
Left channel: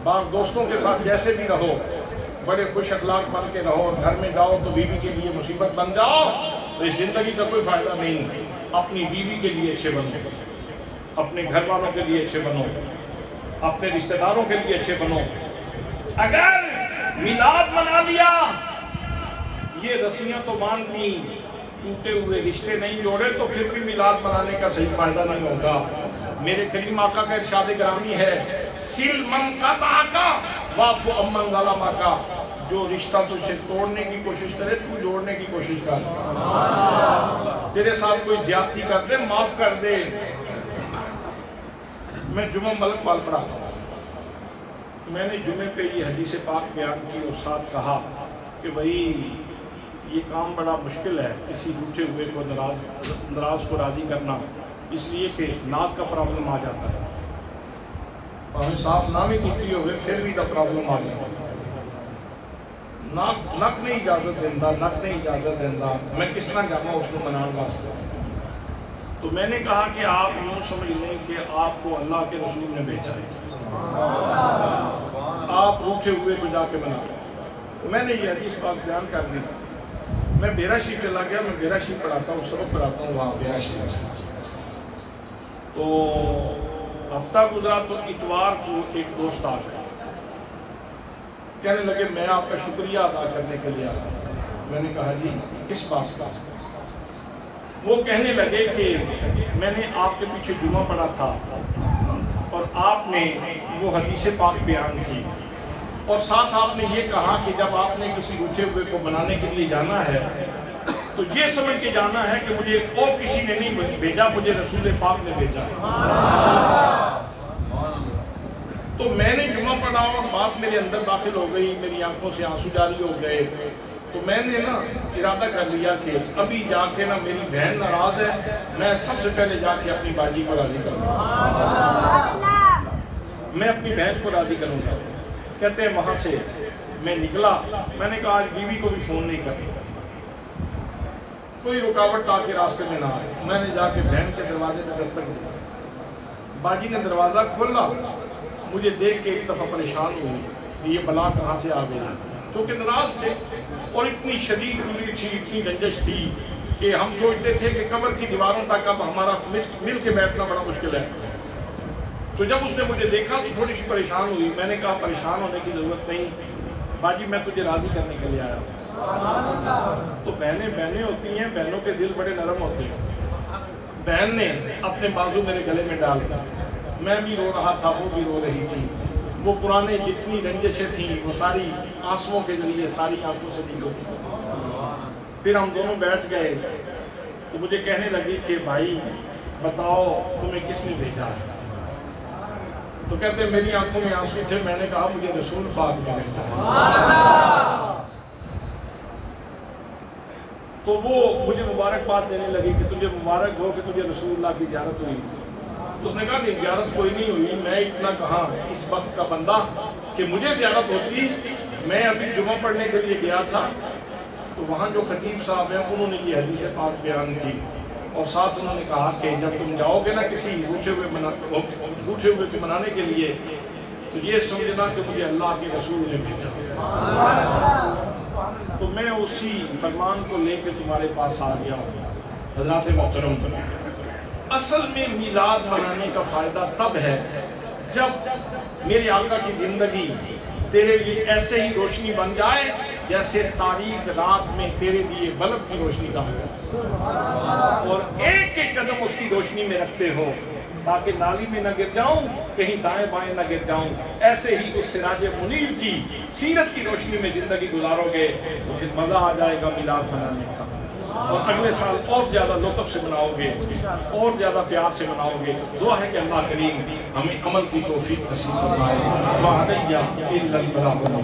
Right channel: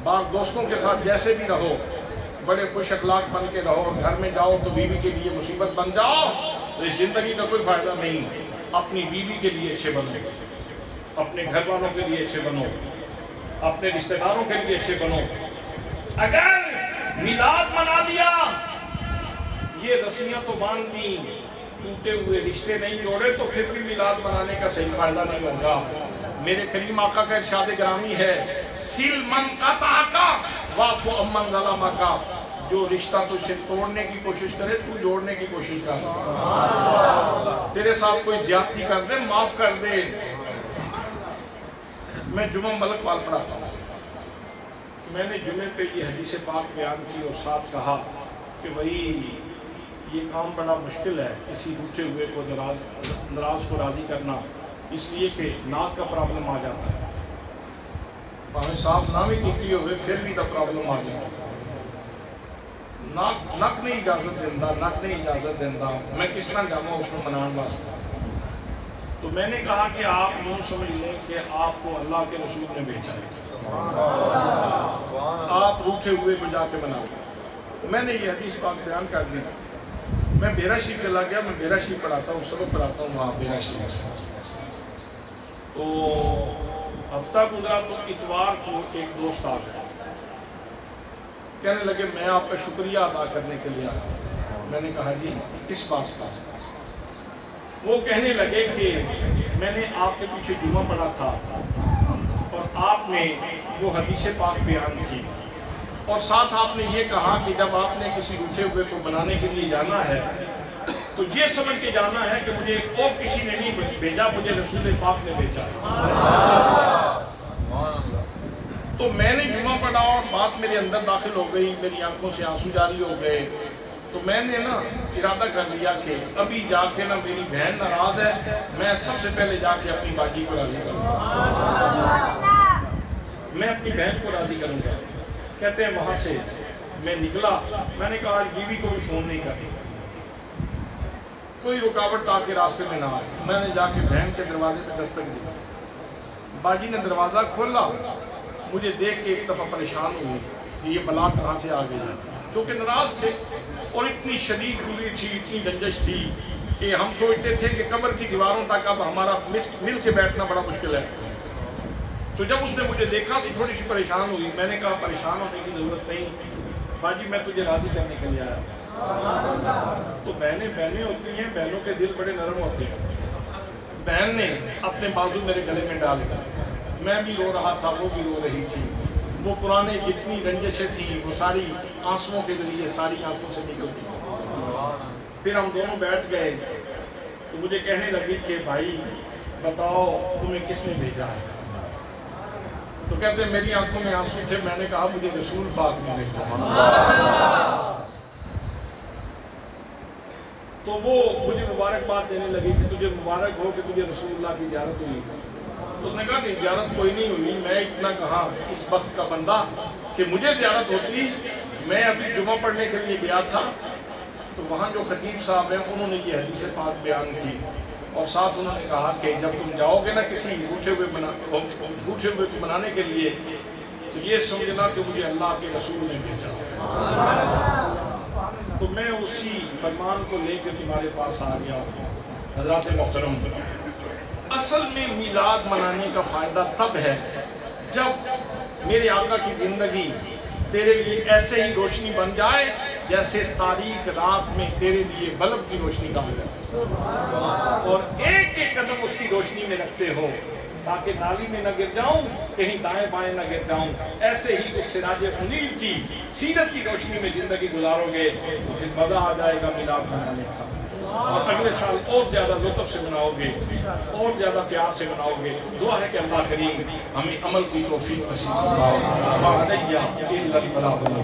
باپ دوستوں کے ساتھ جیسے بھی رہو، بڑے خوش اخلاق بن کے رہو، اور گھر میں جاؤ تو بیوی کے لیے مصیبت بن جاؤ تو اس زندگی کا کوئی فائدہ نہیں۔ اپنی بیوی کے لیے اچھے بنو، اپنے گھر والوں کے لیے اچھے بنو، اپنے رشتہ داروں کے لیے اچھے بنو۔ اگر میلاد منا لیا، یہ رسیاں تو باندھ لی، ٹوٹے ہوئے رشتے نہیں جوڑے، تو پھر بھی میلاد منانے کا صحیح فائدہ نہیں ہوگا۔ میرے کریم آقا کا ارشاد گرامی ہے سل من قطعک واعف عمن ظلمک، جو رشتہ تجھ سے توڑنے کی کوشش کرے تو جوڑنے کی کوشش کر، تیرے ساتھ کوئی زیادتی کر دے معاف کر دے۔ میں جمعہ ملک پال پڑھاتا ہوں، میں نے جمعے پہ یہ حدیث پاک بیان کی اور ساتھ کہا کہ بھائی یہ کام بڑا مشکل ہے، کسی روٹھے ہوئے کو ناراض کو راضی کرنا، اس لیے کہ ناک کا پرابلم آ جاتا ہے، ہمیں صاف نہ بھی کیتی ہوئے پھر بھی دا پرابلم آ جاتا ہے، نک نہیں اجازت دیندہ، نک نہیں اجازت دیندہ، میں کس طرح جانا اس کو منان واسطے۔ تو میں نے کہا کہ آپ یوں سمجھ لیں کہ آپ کو اللہ کے رسول نے بھیجا ہے، آپ روٹھے ہوئے کو جا کے منا لیں۔ میں نے یہ حدیث پاک بیان کر دی، میں بیرا شریف چلا گیا، میں بیرا شریف پڑھاتا ہوں، سبق پڑھاتا ہوں وہاں بیرا شریف۔ تو ہفتہ گزرا تو اتوار کو ایک دوست آ گئے، کہنے لگے میں آپ کا شکریہ ادا کرنے کے لیے آیا۔ میں نے کہا جی کس بات کا؟ وہ کہنے لگے کہ میں نے آپ کے پیچھے جمعہ پڑھا تھا اور آپ نے وہ حدیث پاک بیان کی، اور ساتھ آپ نے یہ کہا کہ جب آپ نے کسی روٹھے ہوئے کو منانے کے لیے جانا ہے تو یہ سمجھ کے جانا ہے کہ مجھے اور کسی نے نہیں بھیجا، مجھے رسول پاک نے بھیجا ہے۔ تو میں نے جمعہ پڑھا اور بات میرے اندر داخل ہو گئی، میری آنکھوں سے آنسو جاری ہو گئے، تو میں نے نا ارادہ کر لیا کہ ابھی جا کے نا میری بہن ناراض ہے، میں سب سے پہلے جا کے اپنی باجی کو راضی کروں گا، میں اپنی بہن کو راضی کروں گا۔ کہتے ہیں وہاں سے میں نکلا، میں نے کہا آج بیوی کو بھی فون نہیں کرنا، کوئی رکاوٹ تاکہ راستے میں نہ آئے۔ میں نے جا کے بہن کے دروازے پہ دستک دی، باجی نے دروازہ کھولا، مجھے دیکھ کے ایک دفعہ پریشان ہوئی کہ یہ بلا کہاں سے آ گئی، کیونکہ ناراض تھے اور اتنی شدید دوری تھی، اتنی رنجش تھی کہ ہم سوچتے تھے کہ قبر کی دیواروں تک اب ہمارا مل کے بیٹھنا بڑا مشکل ہے۔ تو جب اس نے مجھے دیکھا تو تھوڑی سی پریشان ہوئی، میں نے کہا پریشان ہونے کی ضرورت نہیں باجی، میں تجھے راضی کرنے کے لیے آیا ہوں۔ تو بہنیں ہوتی ہیں، بہنوں کے دل بڑے نرم ہوتے ہیں۔ بہن نے اپنے بازو میرے گلے میں ڈال دیا، میں بھی رو رہا تھا، وہ بھی رو رہی تھی، وہ پرانے جتنی رنجشیں تھیں وہ ساری آنسوؤں کے ذریعے ساری آنکھوں سے نکل گئی۔ پھر ہم دونوں بیٹھ گئے تو مجھے کہنے لگی کہ بھائی بتاؤ تمہیں کس نے بھیجا ہے؟ تو کہتے ہیں میری آنکھوں میں آنسو تھے، میں نے کہا مجھے رسول پاک نے بھیجا۔ تو وہ مجھے مبارکباد دینے لگی کہ تجھے مبارک ہو کہ تجھے رسول اللہ کی زیارت ہوئی۔ اس نے کہا نہیں زیارت کوئی نہیں ہوئی، میں اتنا کہاں اس وقت کا بندہ کہ مجھے زیارت ہوتی، میں ابھی جمعہ پڑھنے کے لیے گیا تھا تو وہاں جو خطیب صاحب ہیں انہوں نے یہ حدیث پاک بیان کی، اور ساتھ انہوں نے کہا کہ جب تم جاؤ گے نا کسی روٹھے ہوئے کو منانے کے لیے تو یہ سمجھنا کہ مجھے اللہ کے رسول نے بھیجا۔ تو میں اسی فرمان کو لے کے تمہارے پاس آ گیا ہوں۔ حضرات محترم، اصل میں میلاد منانے کا فائدہ تب ہے جب میرے آقا کی زندگی تیرے لیے ایسے ہی روشنی بن جائے جیسے تاریک رات میں تیرے لیے بلب کی روشنی کا ہو جائے، اور ایک ایک قدم اس کی روشنی میں رکھتے ہو تاکہ نالی میں نہ گر جاؤں، کہیں دائیں بائیں نہ گر جاؤں۔ ایسے ہی اس سراج منیر کی سیرت کی روشنی میں زندگی گزارو گے تو پھر مزہ آ جائے گا میلاد منانے کا، اور اگلے سال اور زیادہ لطف سے مناؤ گے، اور زیادہ پیار سے مناؤ گے۔ دعا ہے کہ اللہ کریم ہمیں عمل کی توفیق نصیب فرمائے۔